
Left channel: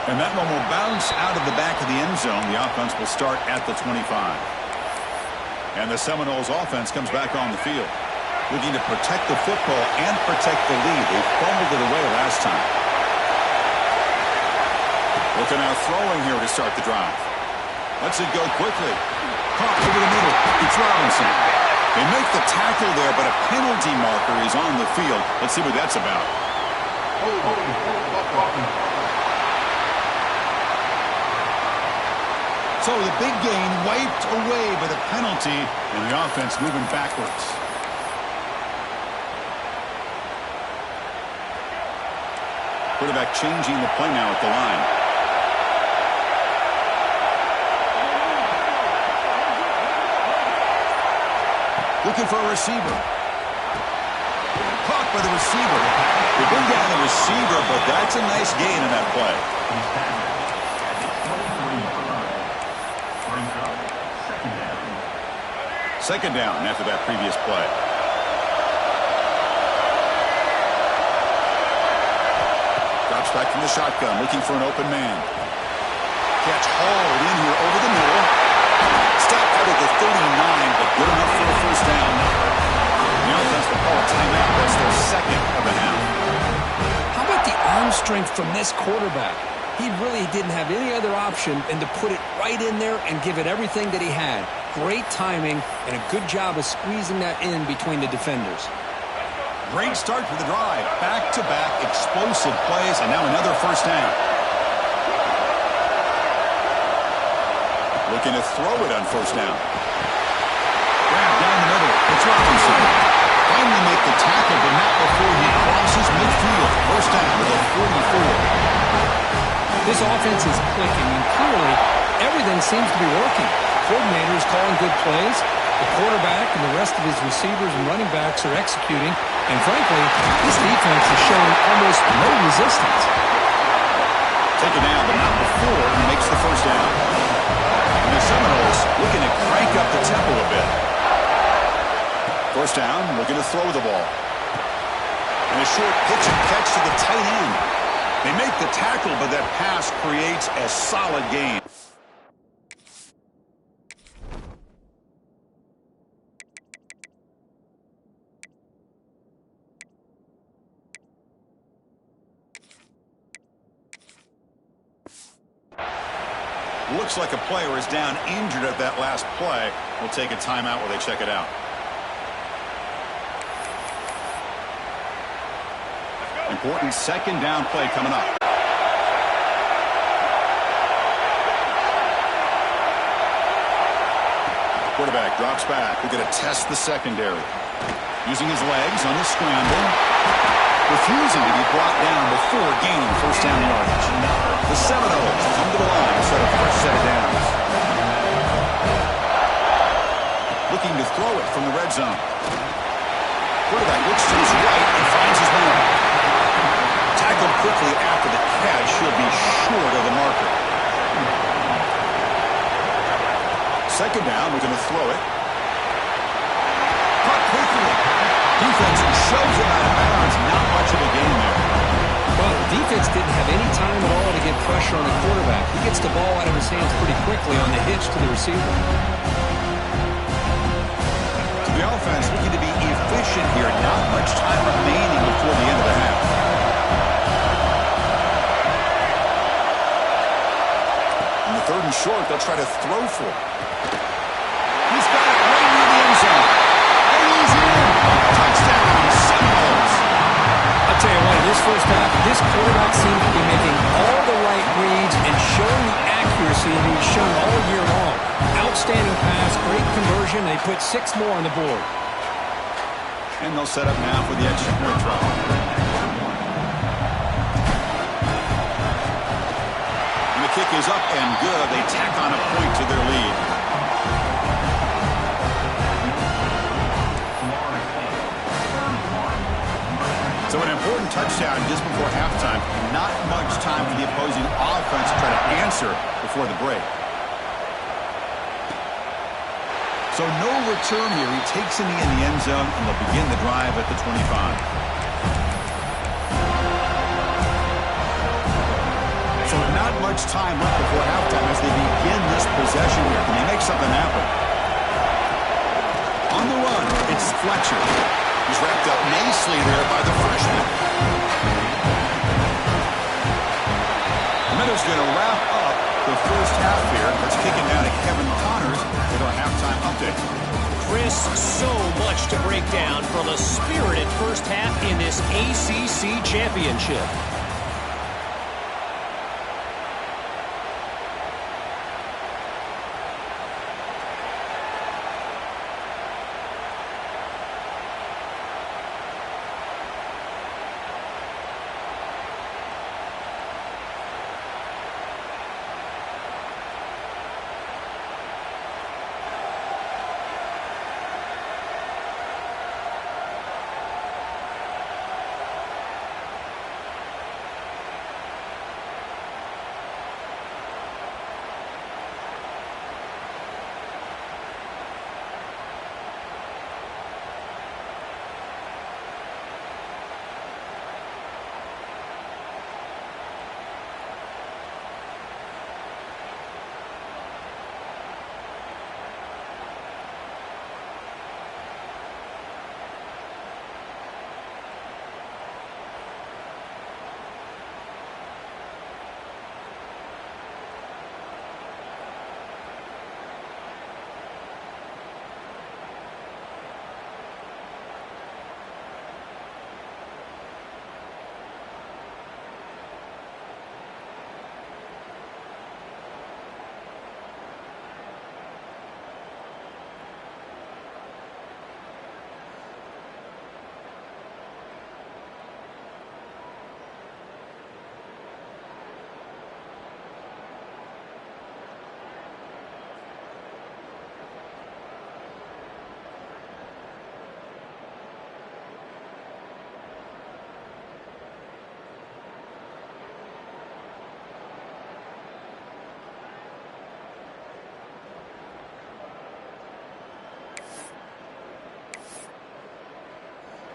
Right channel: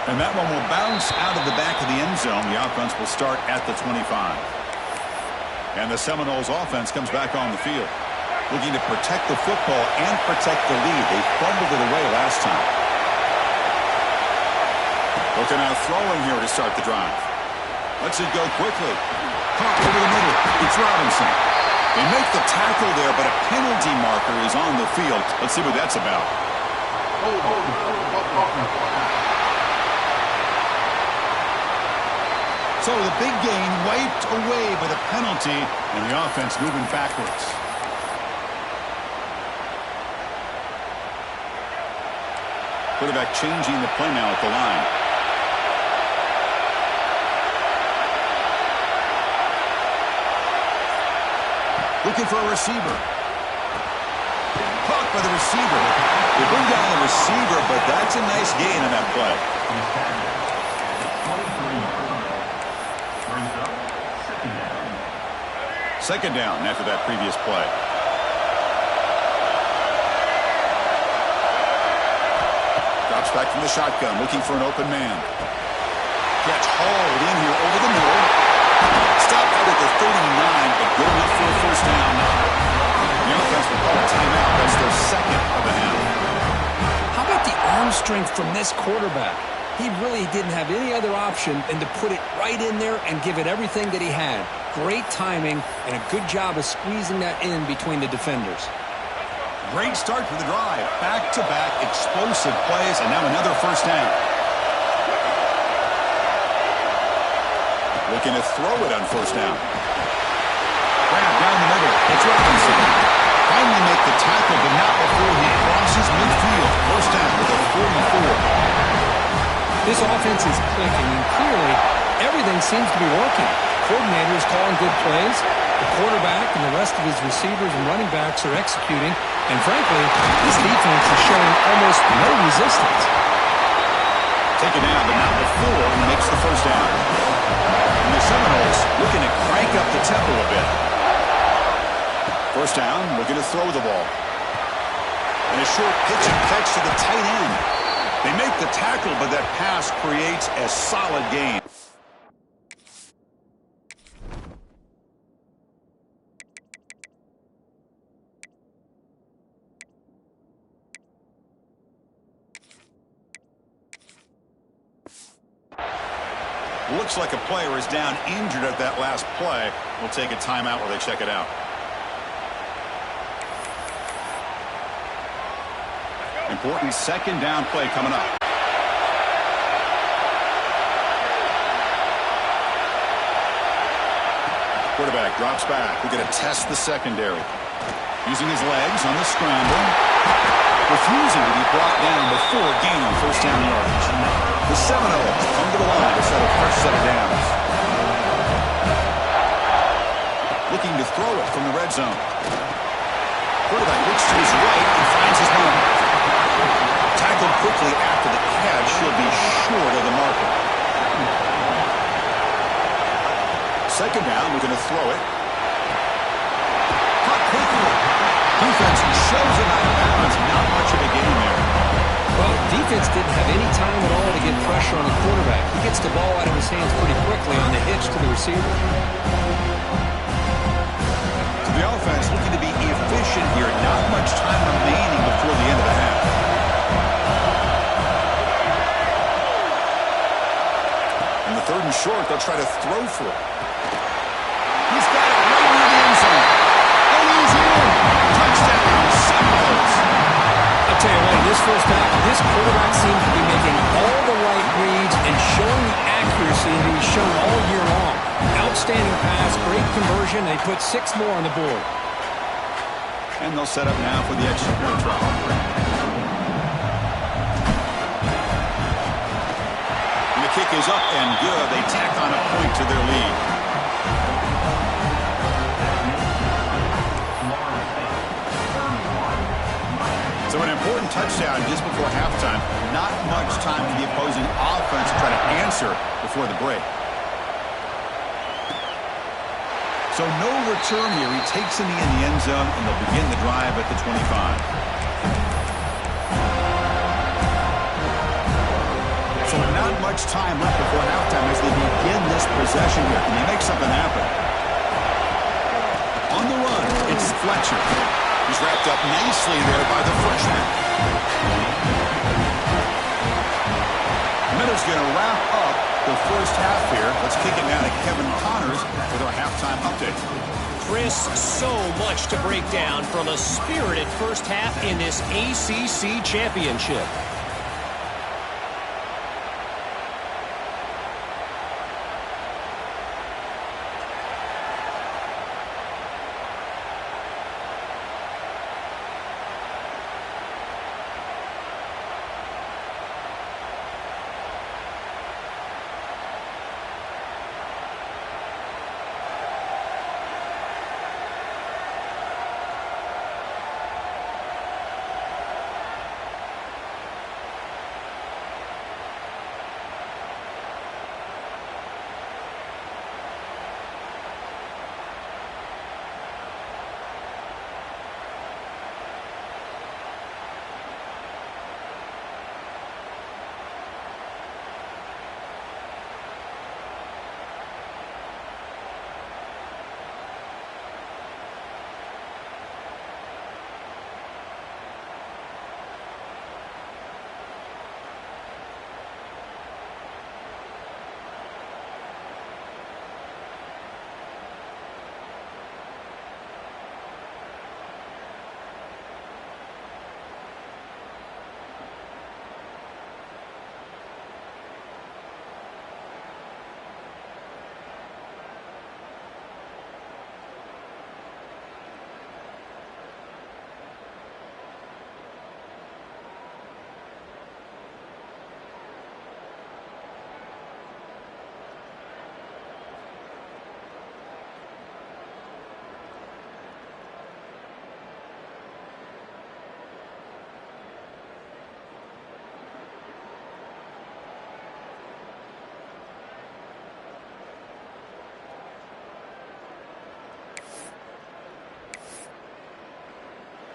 And that one will bounce out of the back of the end zone. The offense will start at the 25. And the Seminoles offense comes back on the field, looking to protect the football and protect the lead. They fumbled it away last time. Looking out throwing here to start the drive. Lets it go quickly. Caught over the middle. It's Robinson. They make the tackle there, but a penalty marker is on the field. Let's see what that's about. So the big gain wiped away by the penalty, and the offense moving backwards. Quarterback changing the play now at the line. Looking for a receiver. Caught by the receiver. They bring down the receiver, but that's a nice gain on that play. Second down after that previous play. Drops back from the shotgun, looking for an open man. Catch hauled in here over the middle. Stopped out at the 39, but good enough for a first down. The offense will call a timeout. That's their second of the half. How about the arm strength from this quarterback? He really didn't have any other option than to put it right in there and give it everything that he had. Great timing and a good job of squeezing that in between the defenders. Great start for the drive. Back-to-back explosive plays, and now another first down. Looking to throw it on first down. Grab down the middle. It's Robinson. Finally make the tackle, but not before he crosses midfield. First down with a 44. This offense is clicking, and clearly everything seems to be working. Coordinator is calling good plays. The quarterback and the rest of his receivers and running backs are executing. And frankly, this defense is showing almost no resistance. Taken down, but not before he makes the first down. And the Seminoles looking to crank up the tempo a bit. First down, looking to throw the ball. And a short pitch and catch to the tight end. They make the tackle, but that pass creates a solid gain. Looks like a player is down injured at that last play. We'll take a timeout while they check it out. Important second down play coming up. Quarterback drops back. We're going to test the secondary. Using his legs on the scramble. Refusing to be brought down before gaining first down yardage. The Seminoles come to the line to set a fresh set of downs. Looking to throw it from the red zone. Quarterback looks to his right and finds his man. Tackled quickly after the catch. He'll be short of the marker. Second down, we're going to throw it. Caught quickly. Defense shows him out of bounds. Not much of a gain there. Well, defense didn't have any time at all to get pressure on the quarterback. He gets the ball out of his hands pretty quickly on the hitch to the receiver. So the offense looking to be efficient here. Not much time remaining before the end of the half. On the third and short, they'll try to throw for it. He's got it right near the end zone. And he's in. Touchdown, Seminoles. I'll tell you what, in this first half, this quarterback seemed to be making all the right reads and showing the accuracy that he's shown all year long. Outstanding pass, great conversion. They put 6 more on the board. And they'll set up now for the extra point try. And the kick is up and good. They tack on a point to their lead. So an important touchdown just before halftime. Not much time for the opposing offense to try to answer before the break. So no return here. He takes in the end zone, and they'll begin the drive at the 25. So not much time left before halftime as they begin this possession here. Can they make something happen? On the run, it's Fletcher. He's wrapped up nicely there by the freshman. Miller's going to wrap up the first half here. Let's kick it down to Kevin Connors with our halftime update. Chris, so much to break down from a spirited first half in this ACC championship.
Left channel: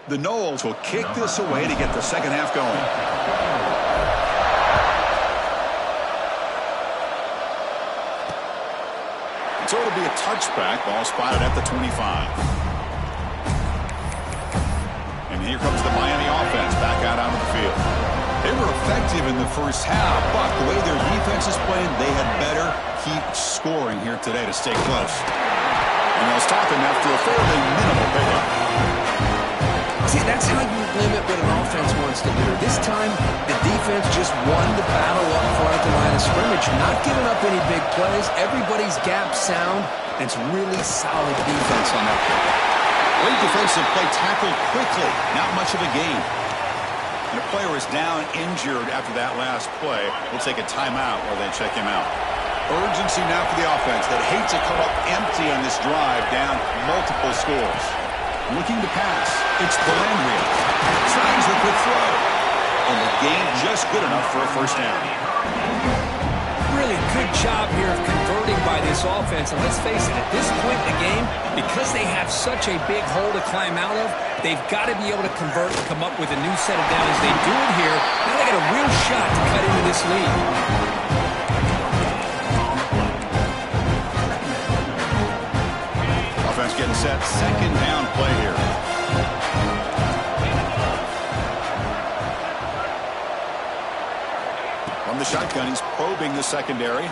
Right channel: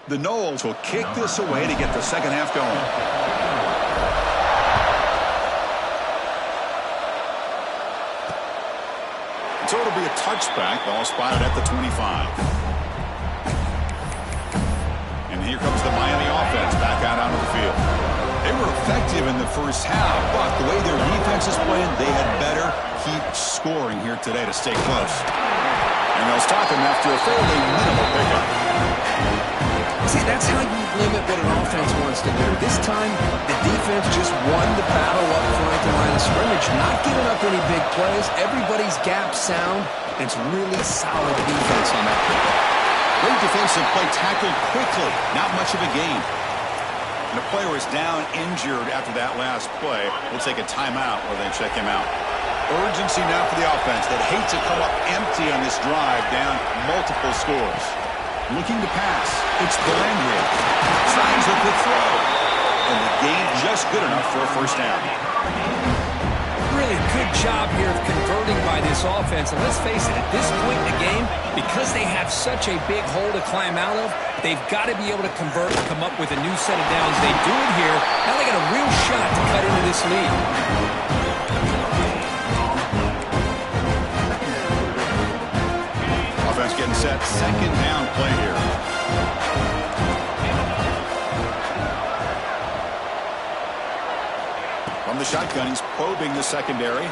The Noles will kick this away to get the second half going. So it'll be a touchback. Ball spotted at the 25. And here comes the Miami offense back out onto the field. They were effective in the first half, but the way their defense is playing, they had better keep scoring here today to stay close. And they'll stop him after a fairly minimal pickup. See, that's how you limit what an offense wants to do. This time, the defense just won the battle up front at the line of scrimmage, not giving up any big plays. Everybody's gap sound. It's really solid defense on that play. Great defensive play, tackled quickly. Not much of a gain. And a player is down injured after that last play. We'll take a timeout while they check him out. Urgency now for the offense that hate to come up empty on this drive, down multiple scores. Looking to pass. It's Calandria. Tries the quick throw. And the gain just good enough for a first down. Really good job here of converting by this offense. And let's face it, at this point in the game, because they have such a big hole to climb out of, they've got to be able to convert and come up with a new set of downs. They do it here. Now they got a real shot to cut into this lead. Offense getting set. Second down play here. From the shotgun, he's probing the secondary.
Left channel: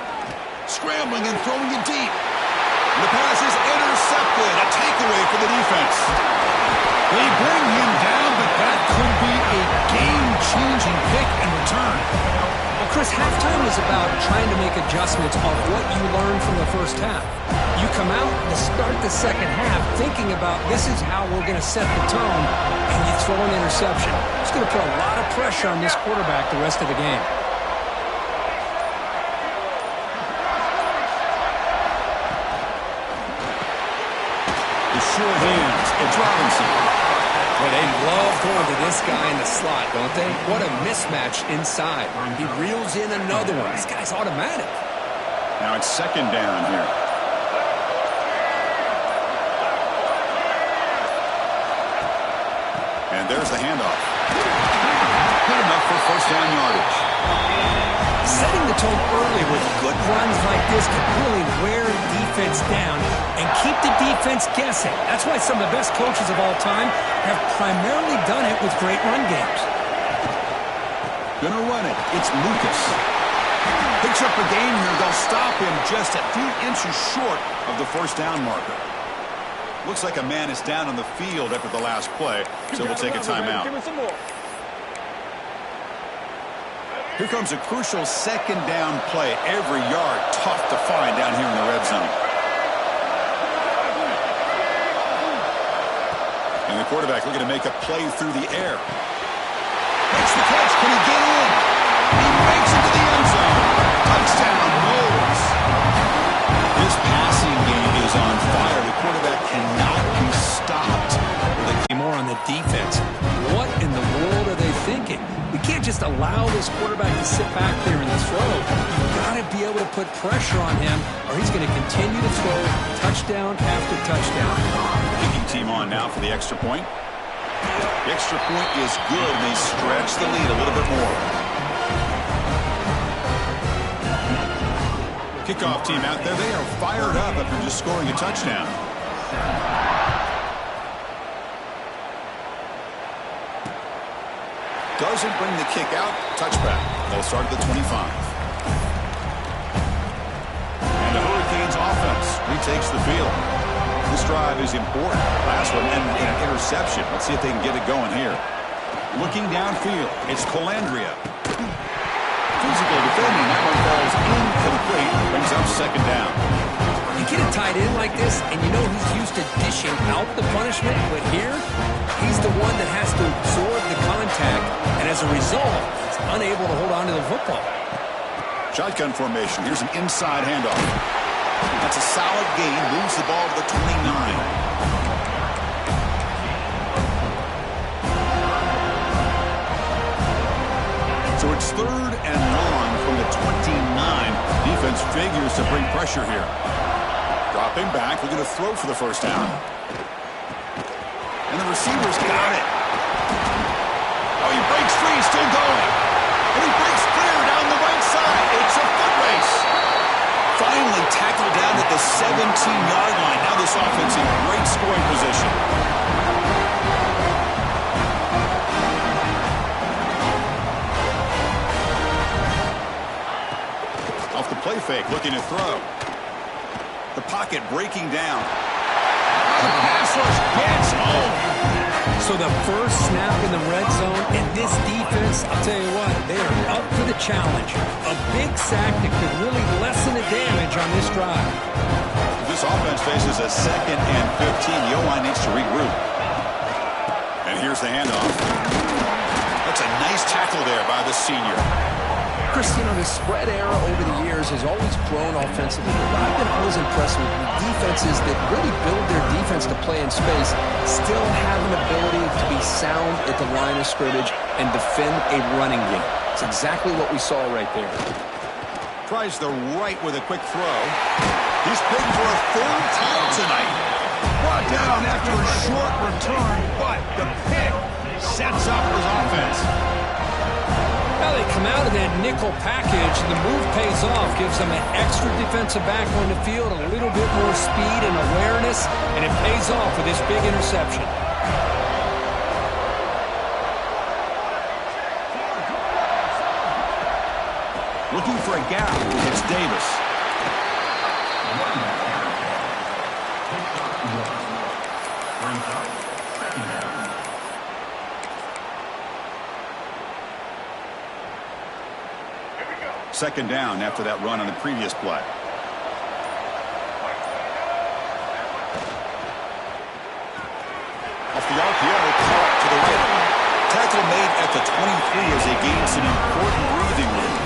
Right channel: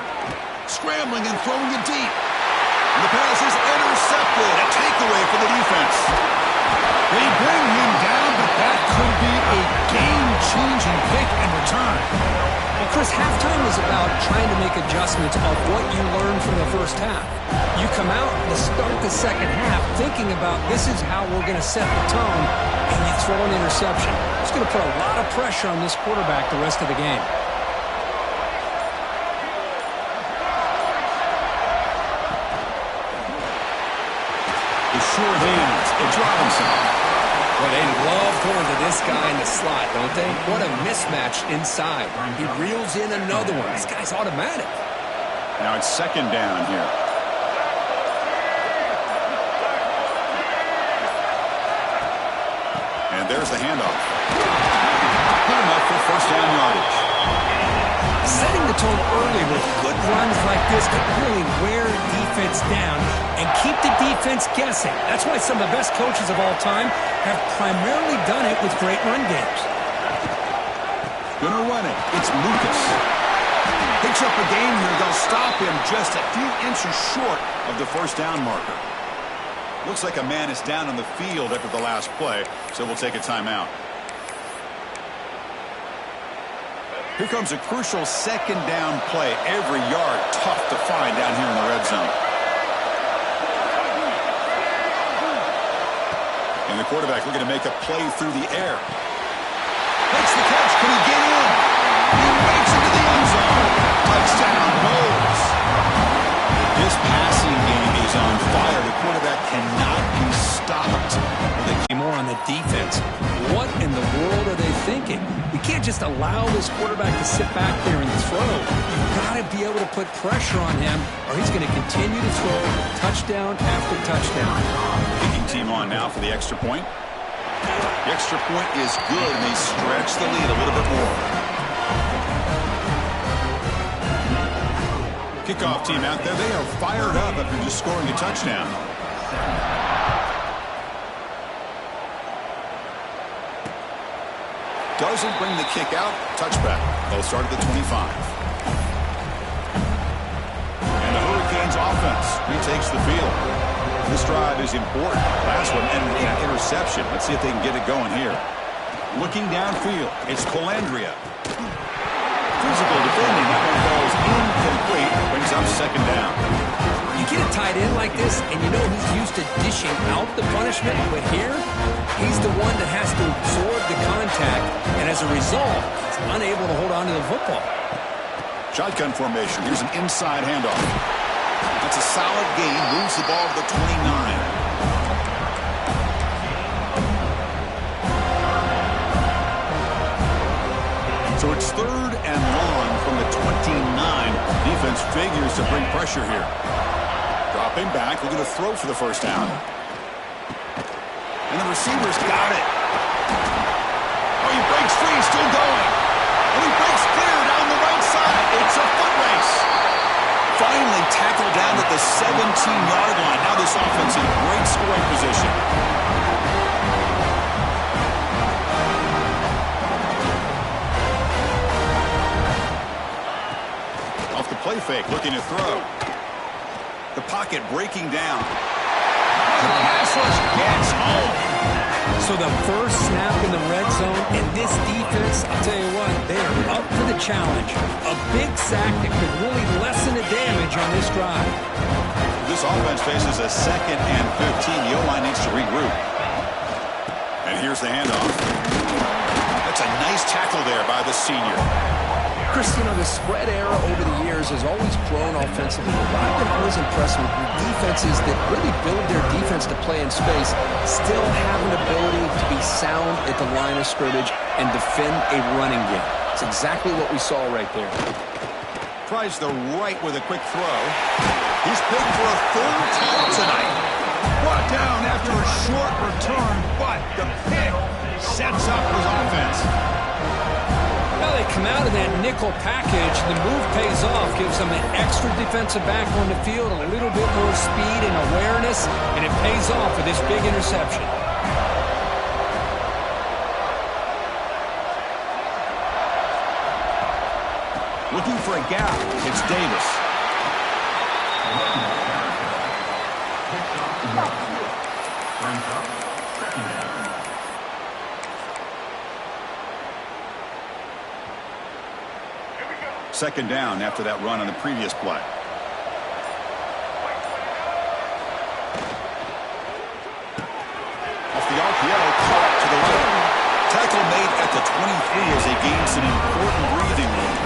Scrambling and throwing it deep. And the pass is intercepted. A takeaway for the defense. They bring him down, but that could be a game-changing pick and return. Well, Chris, halftime is about trying to make adjustments of what you learned from the first half. You come out to start the second half thinking about this is how we're going to set the tone, and you throw an interception. It's going to put a lot of pressure on this quarterback the rest of the game. Short hands. It's Robinson. Well, they love going to this guy in the slot, don't they? What a mismatch inside. He reels in another one. This guy's automatic. Now it's second down here. And there's the handoff. Good enough for first down yardage. Setting the tone early with good runs like this could really wear defense down and keep the defense guessing. That's why some of the best coaches of all time have primarily done it with great run games. Gonna run it. It's Lucas. Picks up a gain here. They'll stop him just a few inches short of the first down marker. Looks like a man is down on the field after the last play, so we'll take a timeout. Here comes a crucial second down play. Every yard tough to find down here in the red zone. And the quarterback looking to make a play through the air. Makes the catch. Can he get in? He makes it to the end zone. Touchdown, Noles. His passing game is on fire. The quarterback cannot be stopped. More on the defense. What in the world are they thinking? We can't just allow this quarterback to sit back there and throw. You've got to be able to put pressure on him, or he's going to continue to throw touchdown after touchdown. Kicking team on now for the extra point. The extra point is good, and they stretch the lead a little bit more. Kickoff team out there. They are fired up after just scoring a touchdown. Doesn't bring the kick out. Touchback. They'll start at the 25. And the Hurricanes offense retakes the field. This drive is important. Last one ended in an interception. Let's see if they can get it going here. Looking downfield. It's Calandria. Physical defending. That one falls incomplete. Brings up second down. You get a tight end like this, and you know he's used to dishing out the punishment, but here, he's the one that has to absorb the contact, and as a result, he's unable to hold on to the football. Shotgun formation. Here's an inside handoff. That's a solid gain. Moves the ball to the 29. So it's third and long from the 29. Defense figures to bring pressure here. Dropping back, looking to throw for the first down. And the receivers got it. Oh, he breaks free, still going. And he breaks clear down the right side. It's a foot race. Finally tackled down at the 17-yard line. Now this offense in great scoring position. Off the play fake, looking to throw. The pocket breaking down. The pass rush gets home. So the first snap in the red zone, and this defense, I'll tell you what, they are up to the challenge. A big sack that could really lessen the damage on this drive. This offense faces a 2nd and 15. The O-line needs to regroup. And here's the handoff. That's a nice tackle there by the senior. Chris, you know, the spread era over the years has always grown offensively. But I've been always impressed with defenses that really build their defense to play in space, still have an ability to be sound at the line of scrimmage and defend a running game. It's exactly what we saw right there. Tries the right with a quick throw. He's picked for a 3rd time tonight. Brought down after a short return, but the pick sets up his offense. Well, they come out of that nickel package. The move pays off, gives them an extra defensive back on the field, a little bit more speed and awareness, and it pays off with this big interception. Looking for a gap. It's Davis. Second down after that run on the previous play. Off the RPO, caught to the right. Tackle made at the 23 as they gain some important breathing room.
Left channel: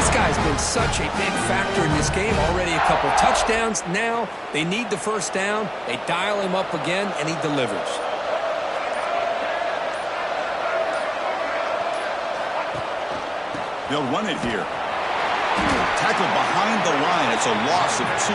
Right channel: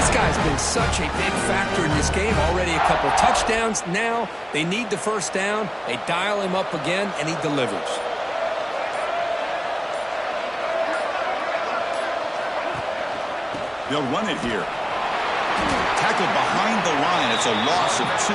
This guy's been such a big factor in this game. Already a couple touchdowns. Now they need the first down. They dial him up again, and he delivers. They'll run it here. Tackled behind the line. It's a loss of 2.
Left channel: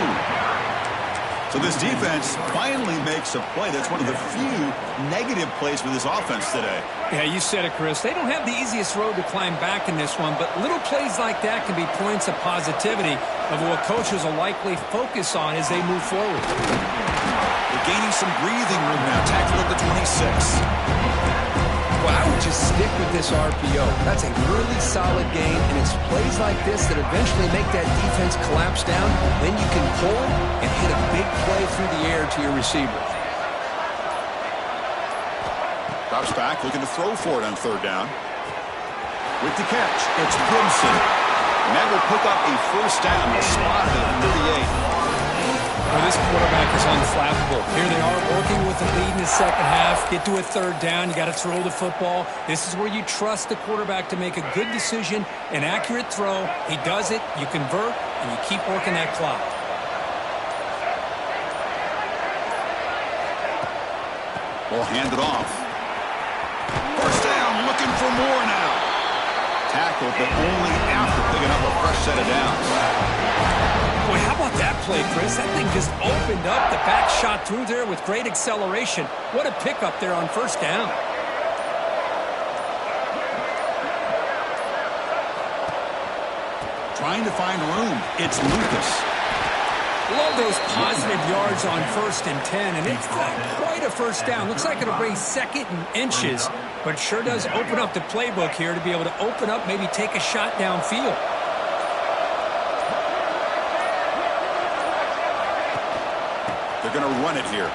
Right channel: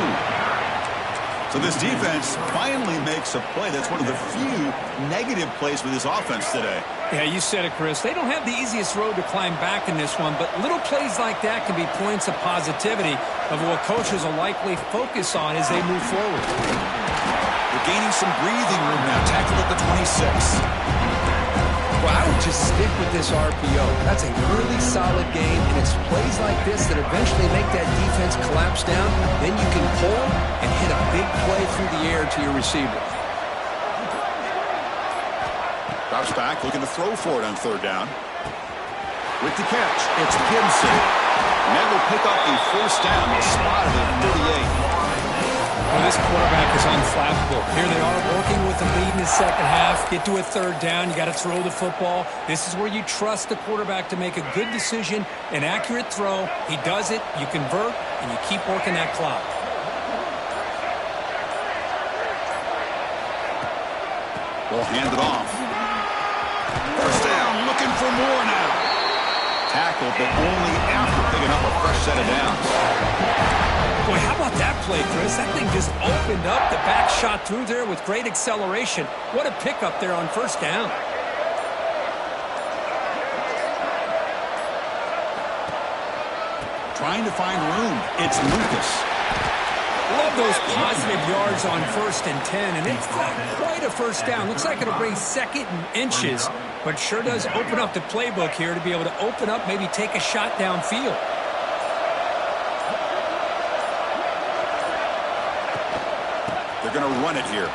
So this defense finally makes a play. That's one of the few negative plays for this offense today. Yeah, you said it, Chris. They don't have the easiest road to climb back in this one, but little plays like that can be points of positivity of what coaches will likely focus on as they move forward. They're gaining some breathing room now. Tackled at the 26. Well, I would just stick with this RPO. That's a really solid game, and it's plays like this that eventually make that defense collapse down. Then you can pull it and hit a big play through the air to your receiver. Drops back, looking to throw for it on 3rd down. With the catch, it's Gibson. And that will pick up a first down. Spotted at 38. Well, this quarterback is unflappable. Here they are working with the lead in the second half. Get to a 3rd down. You got to throw the football. This is where you trust the quarterback to make a good decision, an accurate throw. He does it. You convert, and you keep working that clock. We'll hand it off. First down, looking for more now. Tackled, but only after picking up a fresh set of downs. Boy, how about that play, Chris? That thing just opened up. The back shot through there with great acceleration. What a pickup there on first down. Trying to find room. It's Lucas. Love those positive yards on 1st and 10, and it's not quite a first down. Looks like it'll bring 2nd and inches, but sure does open up the playbook here to be able to open up, maybe take a shot downfield. They're going to run it here.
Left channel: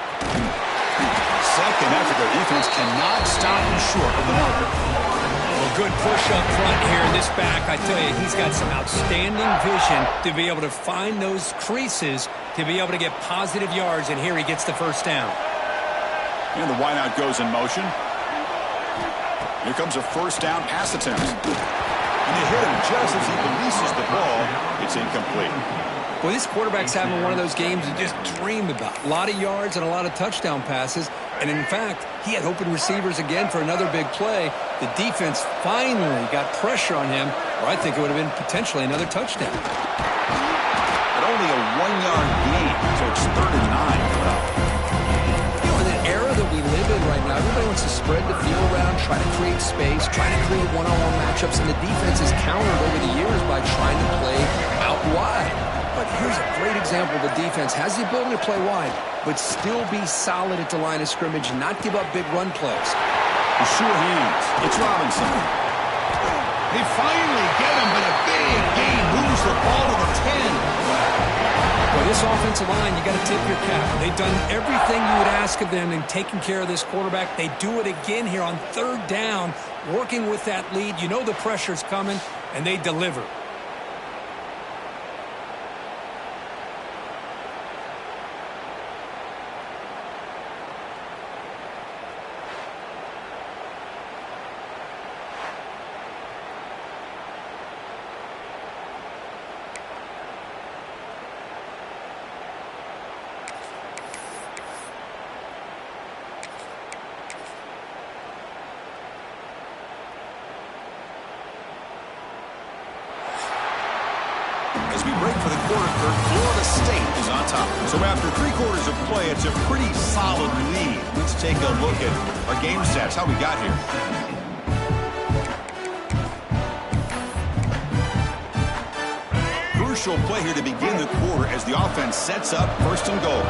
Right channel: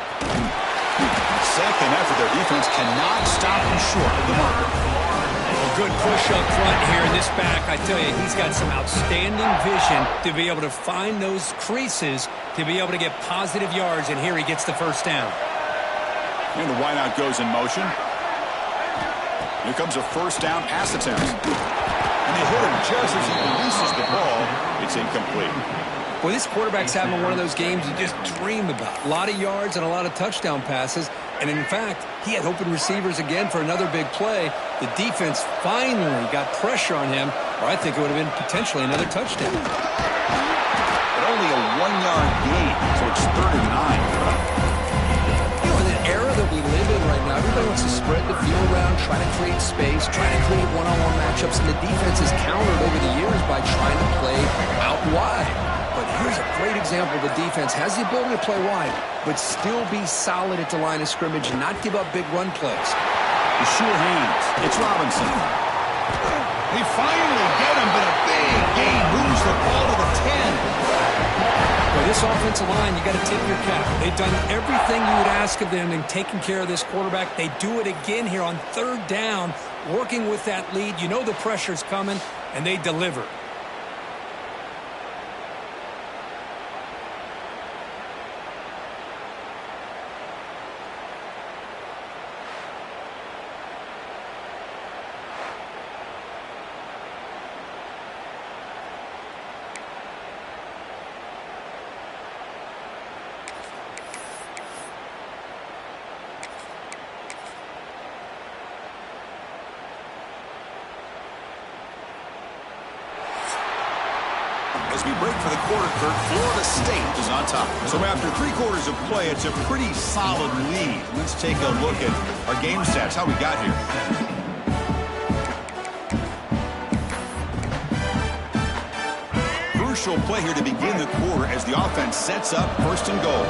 Second effort. Their defense cannot stop him short of the marker. Well, good push up front here in this back. I tell you, he's got some outstanding vision to be able to find those creases, to be able to get positive yards, and here he gets the first down. And the wideout goes in motion. Here comes a first down pass attempt. And they hit him just as he releases the ball. It's incomplete. Well, this quarterback's having one of those games you just dream about. A lot of yards and a lot of touchdown passes. And, in fact, he had open receivers again for another big play. The defense finally got pressure on him, or I think it would have been potentially another touchdown. But only a 1-yard gain, so it's 3rd and 9. You know, in the era that we live in right now, everybody Everybody wants to spread the field around, try to create space, try to create one-on-one matchups, and the defense is countered over the years by trying to play out wide. But here's a great example. The defense has the ability to play wide, but still be solid at the line of scrimmage and not give up big run plays. The sure hands. It's Robinson. They finally get him, but a big gain moves the ball to the 10. Well, this offensive line, you got to tip your cap. They've done everything you would ask of them in taking care of this quarterback. They do it again here on third down, working with that lead. You know the pressure's coming, and they deliver. As we break for the quarter, Florida State is on top. So after 3 quarters of play, it's a pretty solid lead. Let's take a look at our game stats, how we got here. Crucial play here to begin the quarter as the offense sets up first and goal.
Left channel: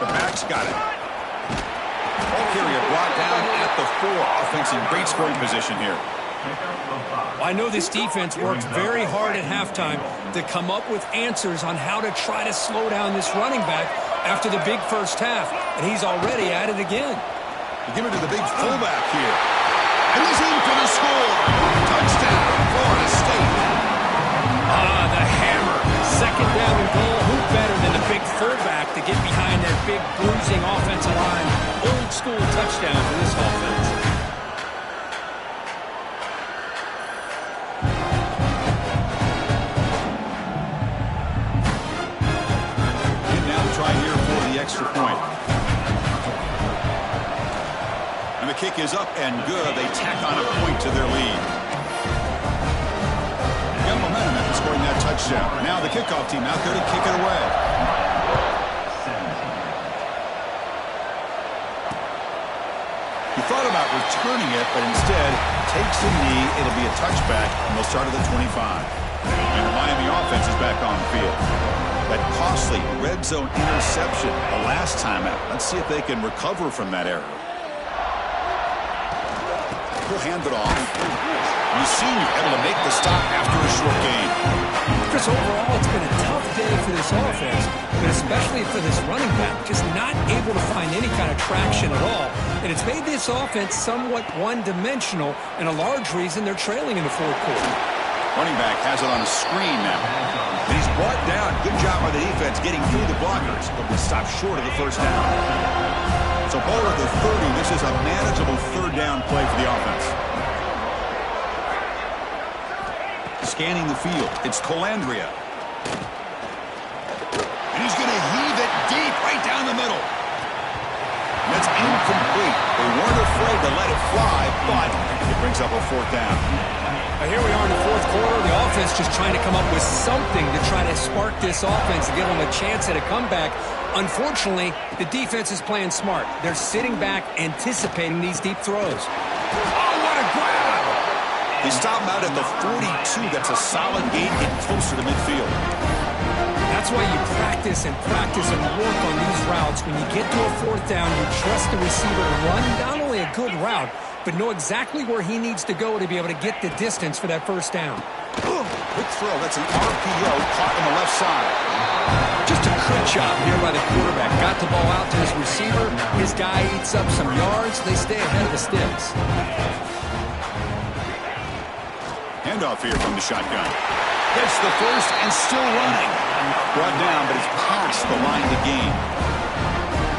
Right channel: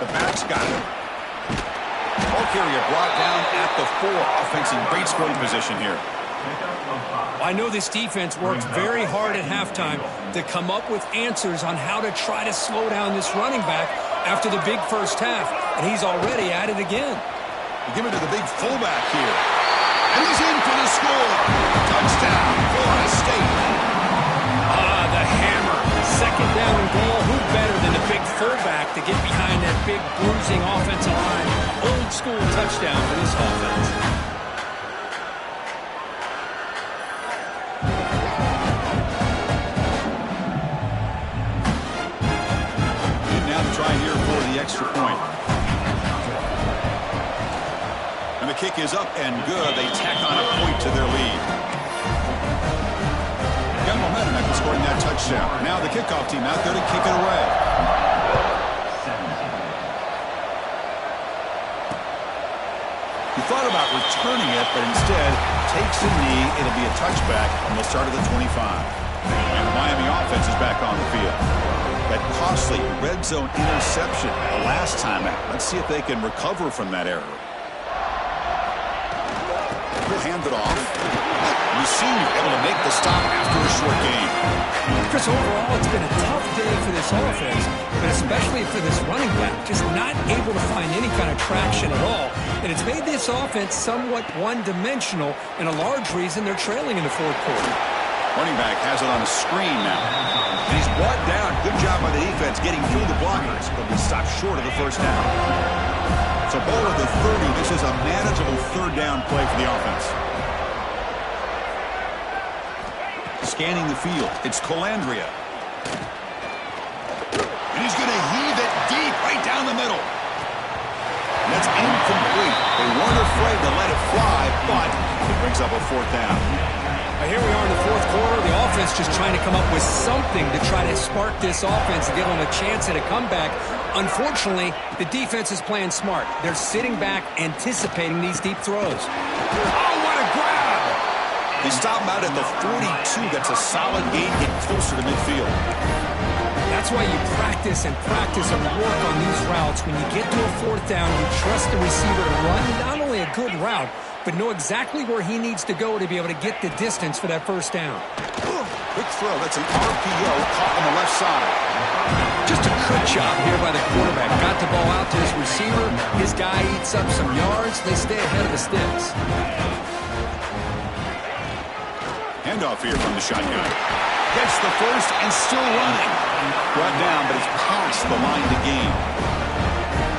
The back's got it. Ball carrier brought down at the 4. Offense in great scoring position here. Well, I know this defense worked very hard at halftime to come up with answers on how to try to slow down this running back after the big first half, and he's already at it again. You give it to the big fullback here. And he's in for the score. Touchdown, Florida State. The hammer. Second down and goal. Who better than the big fullback to get behind that big bruising offensive line? Old school touchdown for this offense. And now to try here for the extra point. And the kick is up and good. They tack on a point to their lead. Got momentum after scoring that touchdown. Now the kickoff team out there to kick it away. He thought about returning it, but instead takes a knee. It'll be a touchback, and they'll start at the 25. And the Miami offense is back on the field. That costly red zone interception the last time out. Let's see if they can recover from that error. He'll hand it off. And the senior able to make the stop after a short game. Chris, overall, it's been a tough day for this offense, but especially for this running back, just not able to find any kind of traction at all. And it's made this offense somewhat one-dimensional, and a large reason they're trailing in the fourth quarter. Running back has it on a screen now. And he's brought down. Good job by the defense getting through the blockers. They'll be stopped short of the first down. So ball at the 30. This is a manageable third down play for the offense. Scanning the field. It's Colandrea. And he's going to heave it deep right down the middle. And that's incomplete. They weren't afraid to let it fly, but it brings up a fourth down. Here we are in the fourth quarter. The offense just trying to come up with something to try to spark this offense and give them a chance at a comeback. Unfortunately, the defense is playing smart. They're sitting back, anticipating these deep throws. Oh, what a grab! They stop him out at the 42. That's a solid gain, getting closer to midfield. That's why you practice and work on these routes. When you get to a fourth down, you trust the receiver to run not only a good route, but know exactly where he needs to go to be able to get the distance for that first down. Quick throw. That's an RPO caught on the left side. Just a good job here by the quarterback. Got the ball out to his receiver. His guy eats up some yards. They stay ahead of the sticks. Handoff here from the shotgun. Gets the first and still running. Brought down, but it's past the line to gain.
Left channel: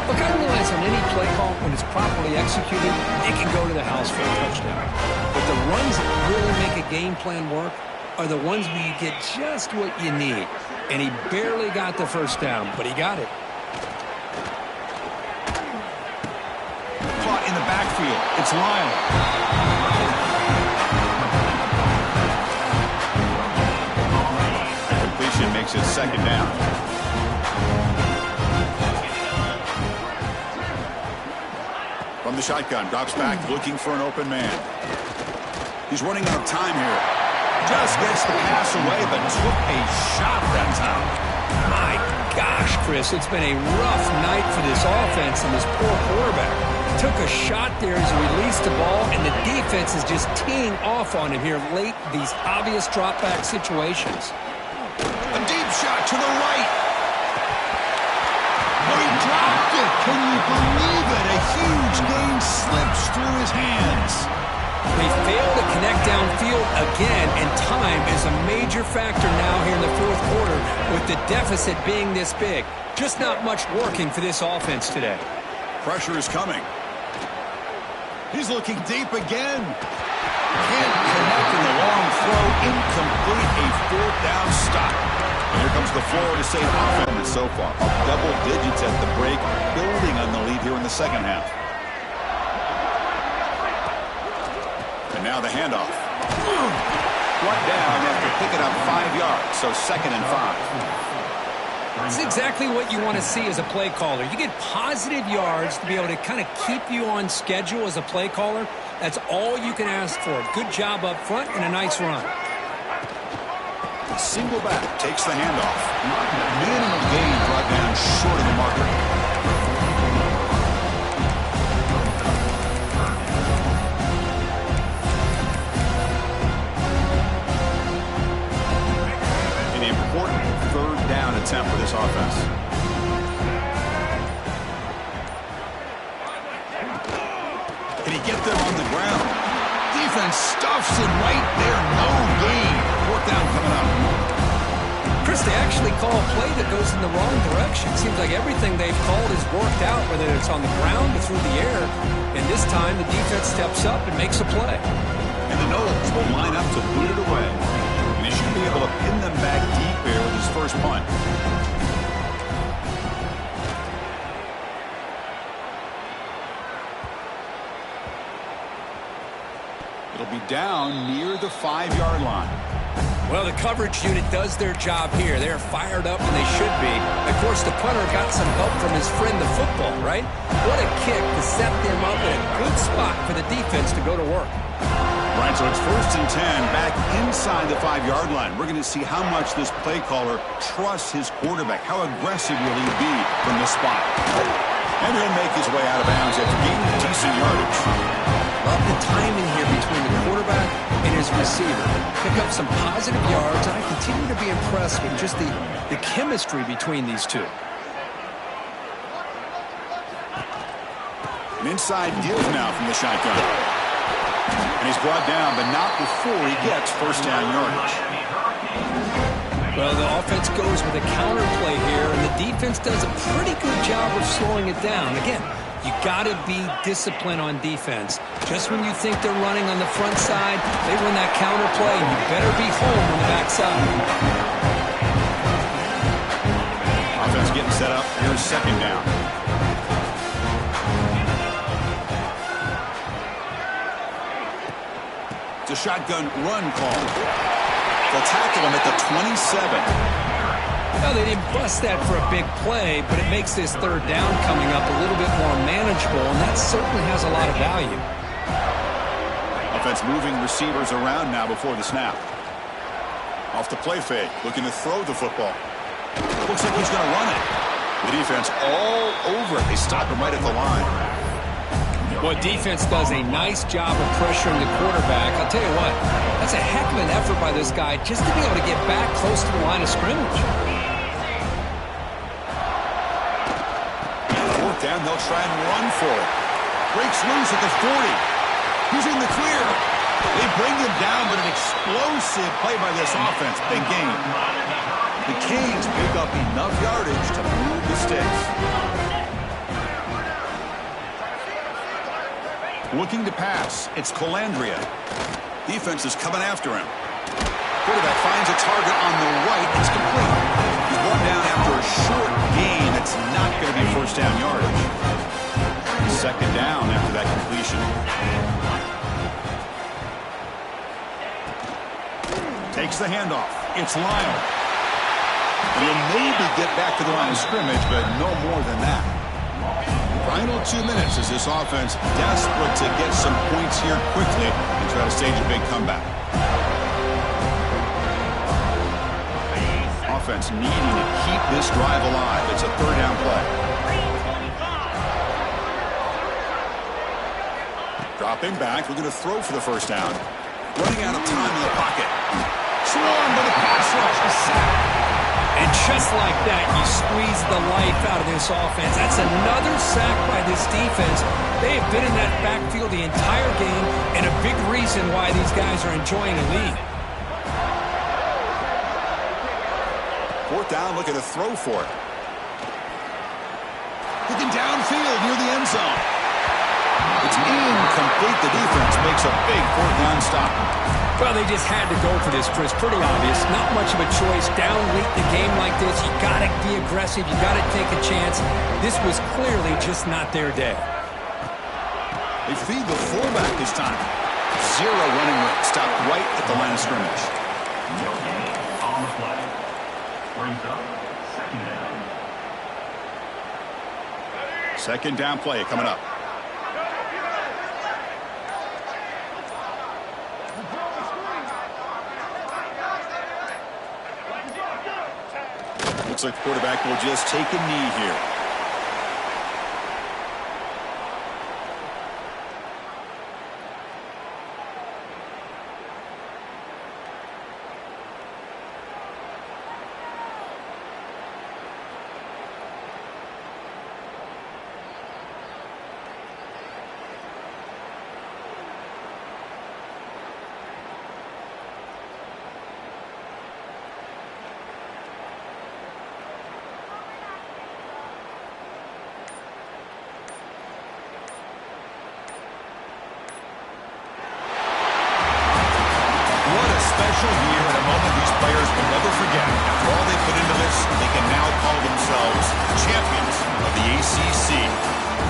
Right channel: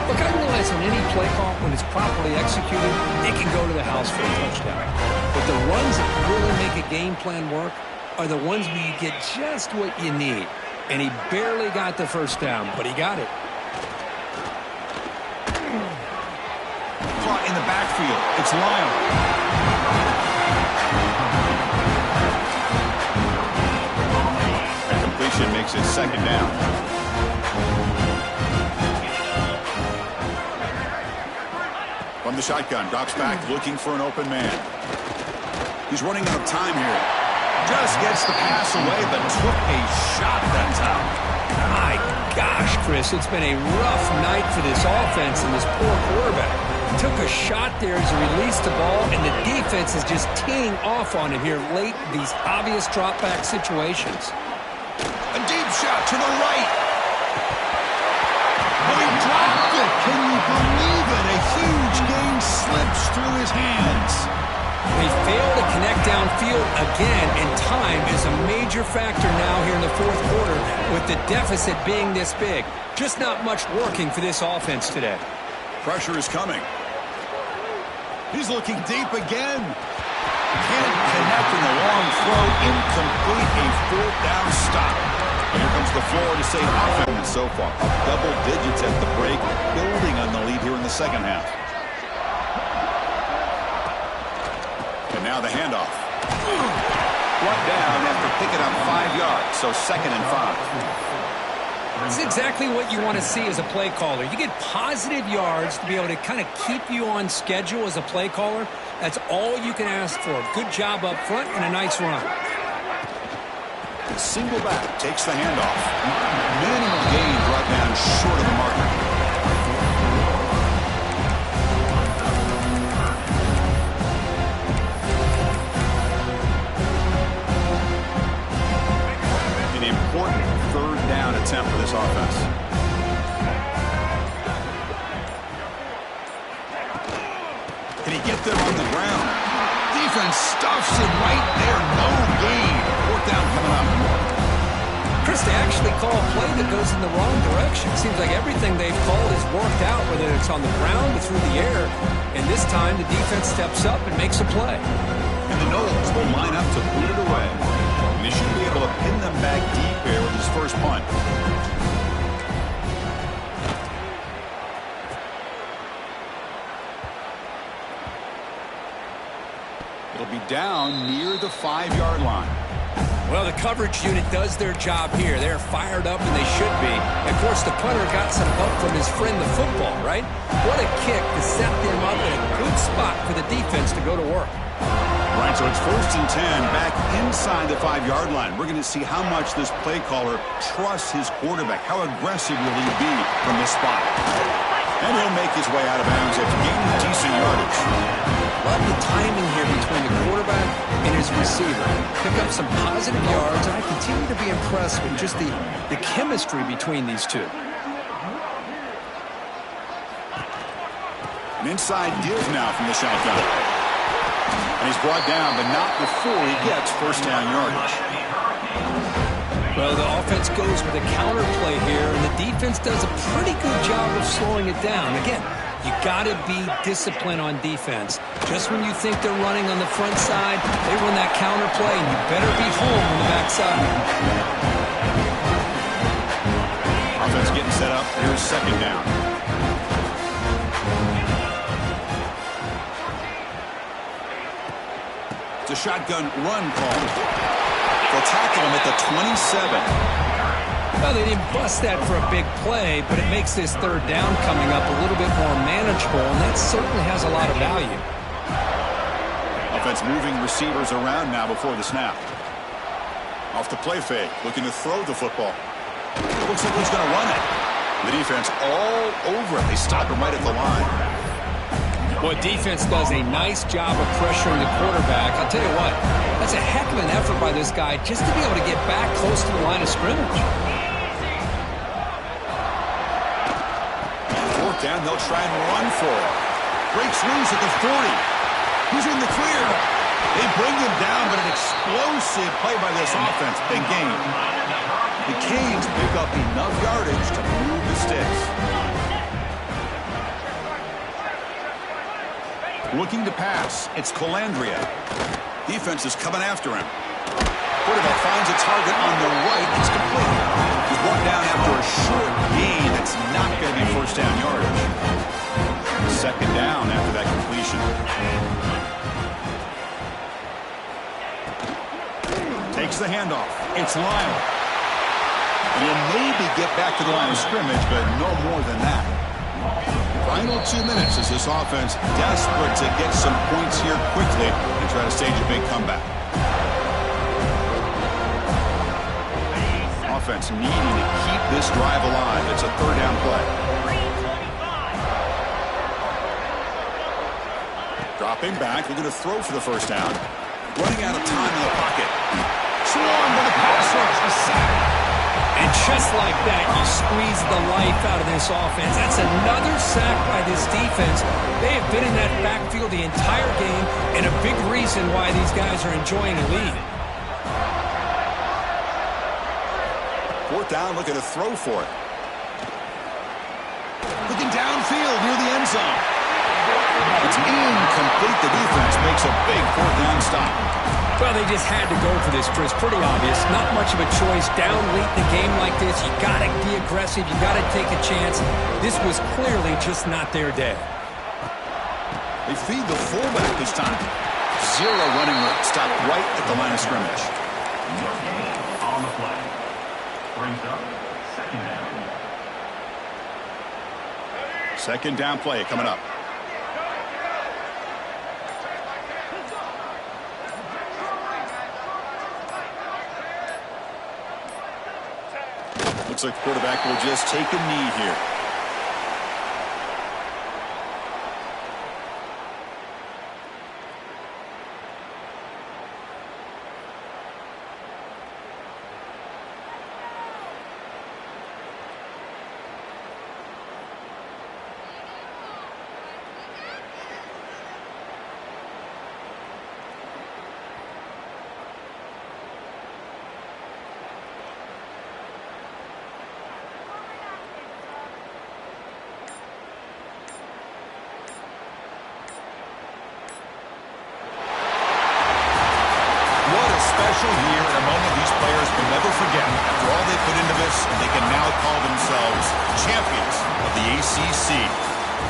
Look, I realize on any play call, when it's properly executed, it can go to the house for a touchdown. But the runs that really make a game plan work are the ones where you get just what you need. And he barely got the first down, but he got it. Caught in the backfield. It's Lyle. That completion makes it second down. From the shotgun, drops back, looking for an open man. He's running out of time here. Just gets the pass away, but took a shot that time. My gosh, Chris, it's been a rough night for this offense and this poor quarterback. Took a shot there as he released the ball, and the defense is just teeing off on him here late, these obvious drop-back situations. A deep shot to the right. Oh, he dropped it. Can you believe it? A huge gain slips through his hands. They fail to connect downfield again, and time is a major factor now here in the fourth quarter with the deficit being this big. Just not much working for this offense today. Pressure is coming. He's looking deep again. Can't connect in the long throw. Incomplete. A fourth down stop. And here comes the Florida State offense so far. Up double digits at the break, building on the lead here in the second half. And now the handoff. Brought down after picking up 5 yards, so 2nd and 5. That's exactly what you want to see as a play caller. You get positive yards to be able to kind of keep you on schedule as a play caller. That's all you can ask for. Good job up front and a nice run. Single back takes the handoff. Minimal gain brought down short of the marker. An important third down attempt for this offense. Can he get there on the ground? Defense stuffs him right there. No gain. Fourth down coming up. Chris, they actually call a play that goes in the wrong direction. Seems like everything they've called has worked out, whether it's on the ground or through the air. And this time, the defense steps up and makes a play. And the Noles will line up to boot it away. And they should be able to pin them back deep here with his first punt. It'll be down near the 5-yard line. Well, the coverage unit does their job here. They're fired up, and they should be. Of course, the punter got some help from his friend, the football, right? What a kick to set them up in a good spot for the defense to go to work. Right, so it's 1st and 10, back inside the 5-yard line. We're going to see how much this play caller trusts his quarterback. How aggressive will he be from this spot? And he'll make his way out of bounds after gaining decent yardage. Love the timing here between the quarterback and his receiver. Pick up some positive yards, and I continue to be impressed with just the chemistry between these two. An inside give now from the shotgun. And he's brought down, but not before he gets first down yardage. Well, the offense goes with a counter play here, and the defense does a pretty good job of slowing it down. Again, you got to be disciplined on defense. Just when you think they're running on the front side, they run that counter play, and you better be home on the back side. Offense getting set up. Here's 2nd down. It's a shotgun run call. They'll tackle him at the 27. Well, they didn't bust that for a big play, but it makes this third down coming up a little bit more manageable, and that certainly has a lot of value. Offense moving receivers around now before the snap. Off the play fake, looking to throw the football. Looks like he's going to run it. The defense all over it. They stop him right at the line. Well, defense does a nice job of pressuring the quarterback. I'll tell you what, that's a heck of an effort by this guy just to be able to get back close to the line of scrimmage. Fourth down, they'll try and run for it. Breaks loose at the 40. He's in the clear. They bring him down, but an explosive play by this offense. Big gain. The Canes pick up enough yardage to move the sticks. Looking to pass. It's Calandria. Defense is coming after him. Quarterback finds a target on the right. It's complete. He's brought down after a short gain that's not going to be first down yardage. 2nd down after that completion. Takes the handoff. It's Lyle. And he'll maybe get back to the line of scrimmage, but no more than that. Final 2 minutes as this offense desperate to get some points here quickly and try to stage a big comeback. Offense needing to keep this drive alive. It's a third down play. Dropping back, looking to throw for the first down. Running out of time in the pocket. Swarmed by the pass rush. A sack. And just like that, you squeeze the life out of this offense. That's another sack by this defense. They have been in that backfield the entire game, and a big reason why these guys are enjoying a lead. Fourth down, looking to throw for it. Looking downfield near the end zone. It's incomplete. The defense makes a big fourth down stop. Well, they just had to go for this, Chris. Pretty obvious. Not much of a choice. Down late in the game like this, you got to be aggressive. You got to take a chance. This was clearly just not their day. They feed the fullback this time. Zero running room. Stopped right at the line of scrimmage. No gain on the play. Brings up second down. Second down play coming up. Looks like the quarterback will just take a knee here. Special year and a moment these players will never forget. After all they put into this, they can now call themselves champions of the ACC.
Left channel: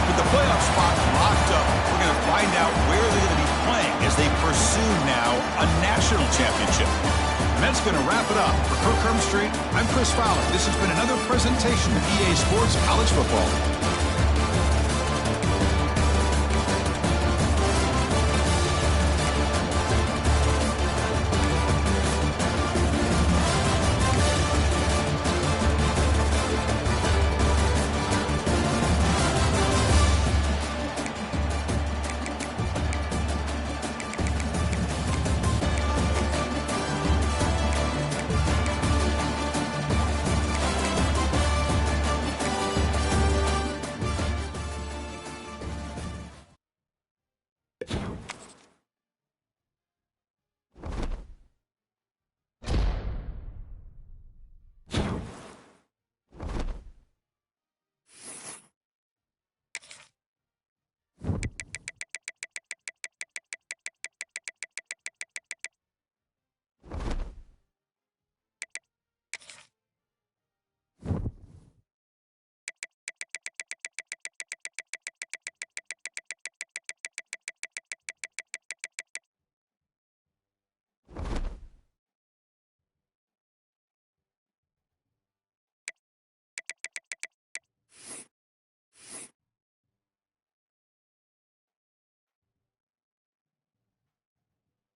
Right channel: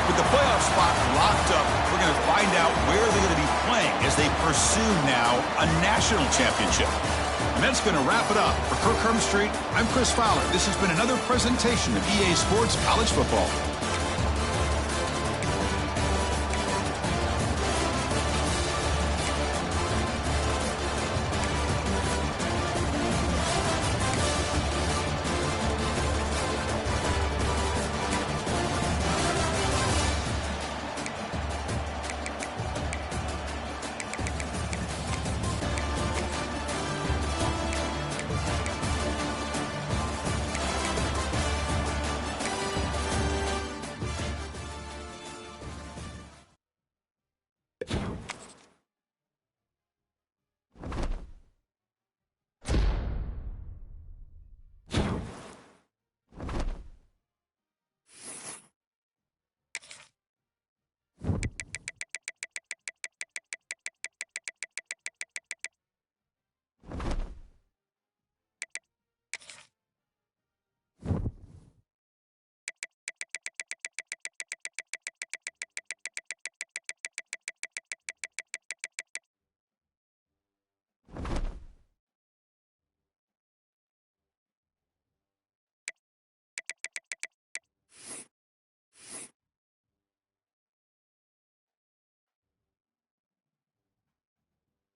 With the playoff spot locked up, we're going to find out where they're going to be playing as they pursue now a national championship. And that's going to wrap it up. For Kirk Hermstreet, I'm Chris Fowler. This has been another presentation of EA Sports College Football.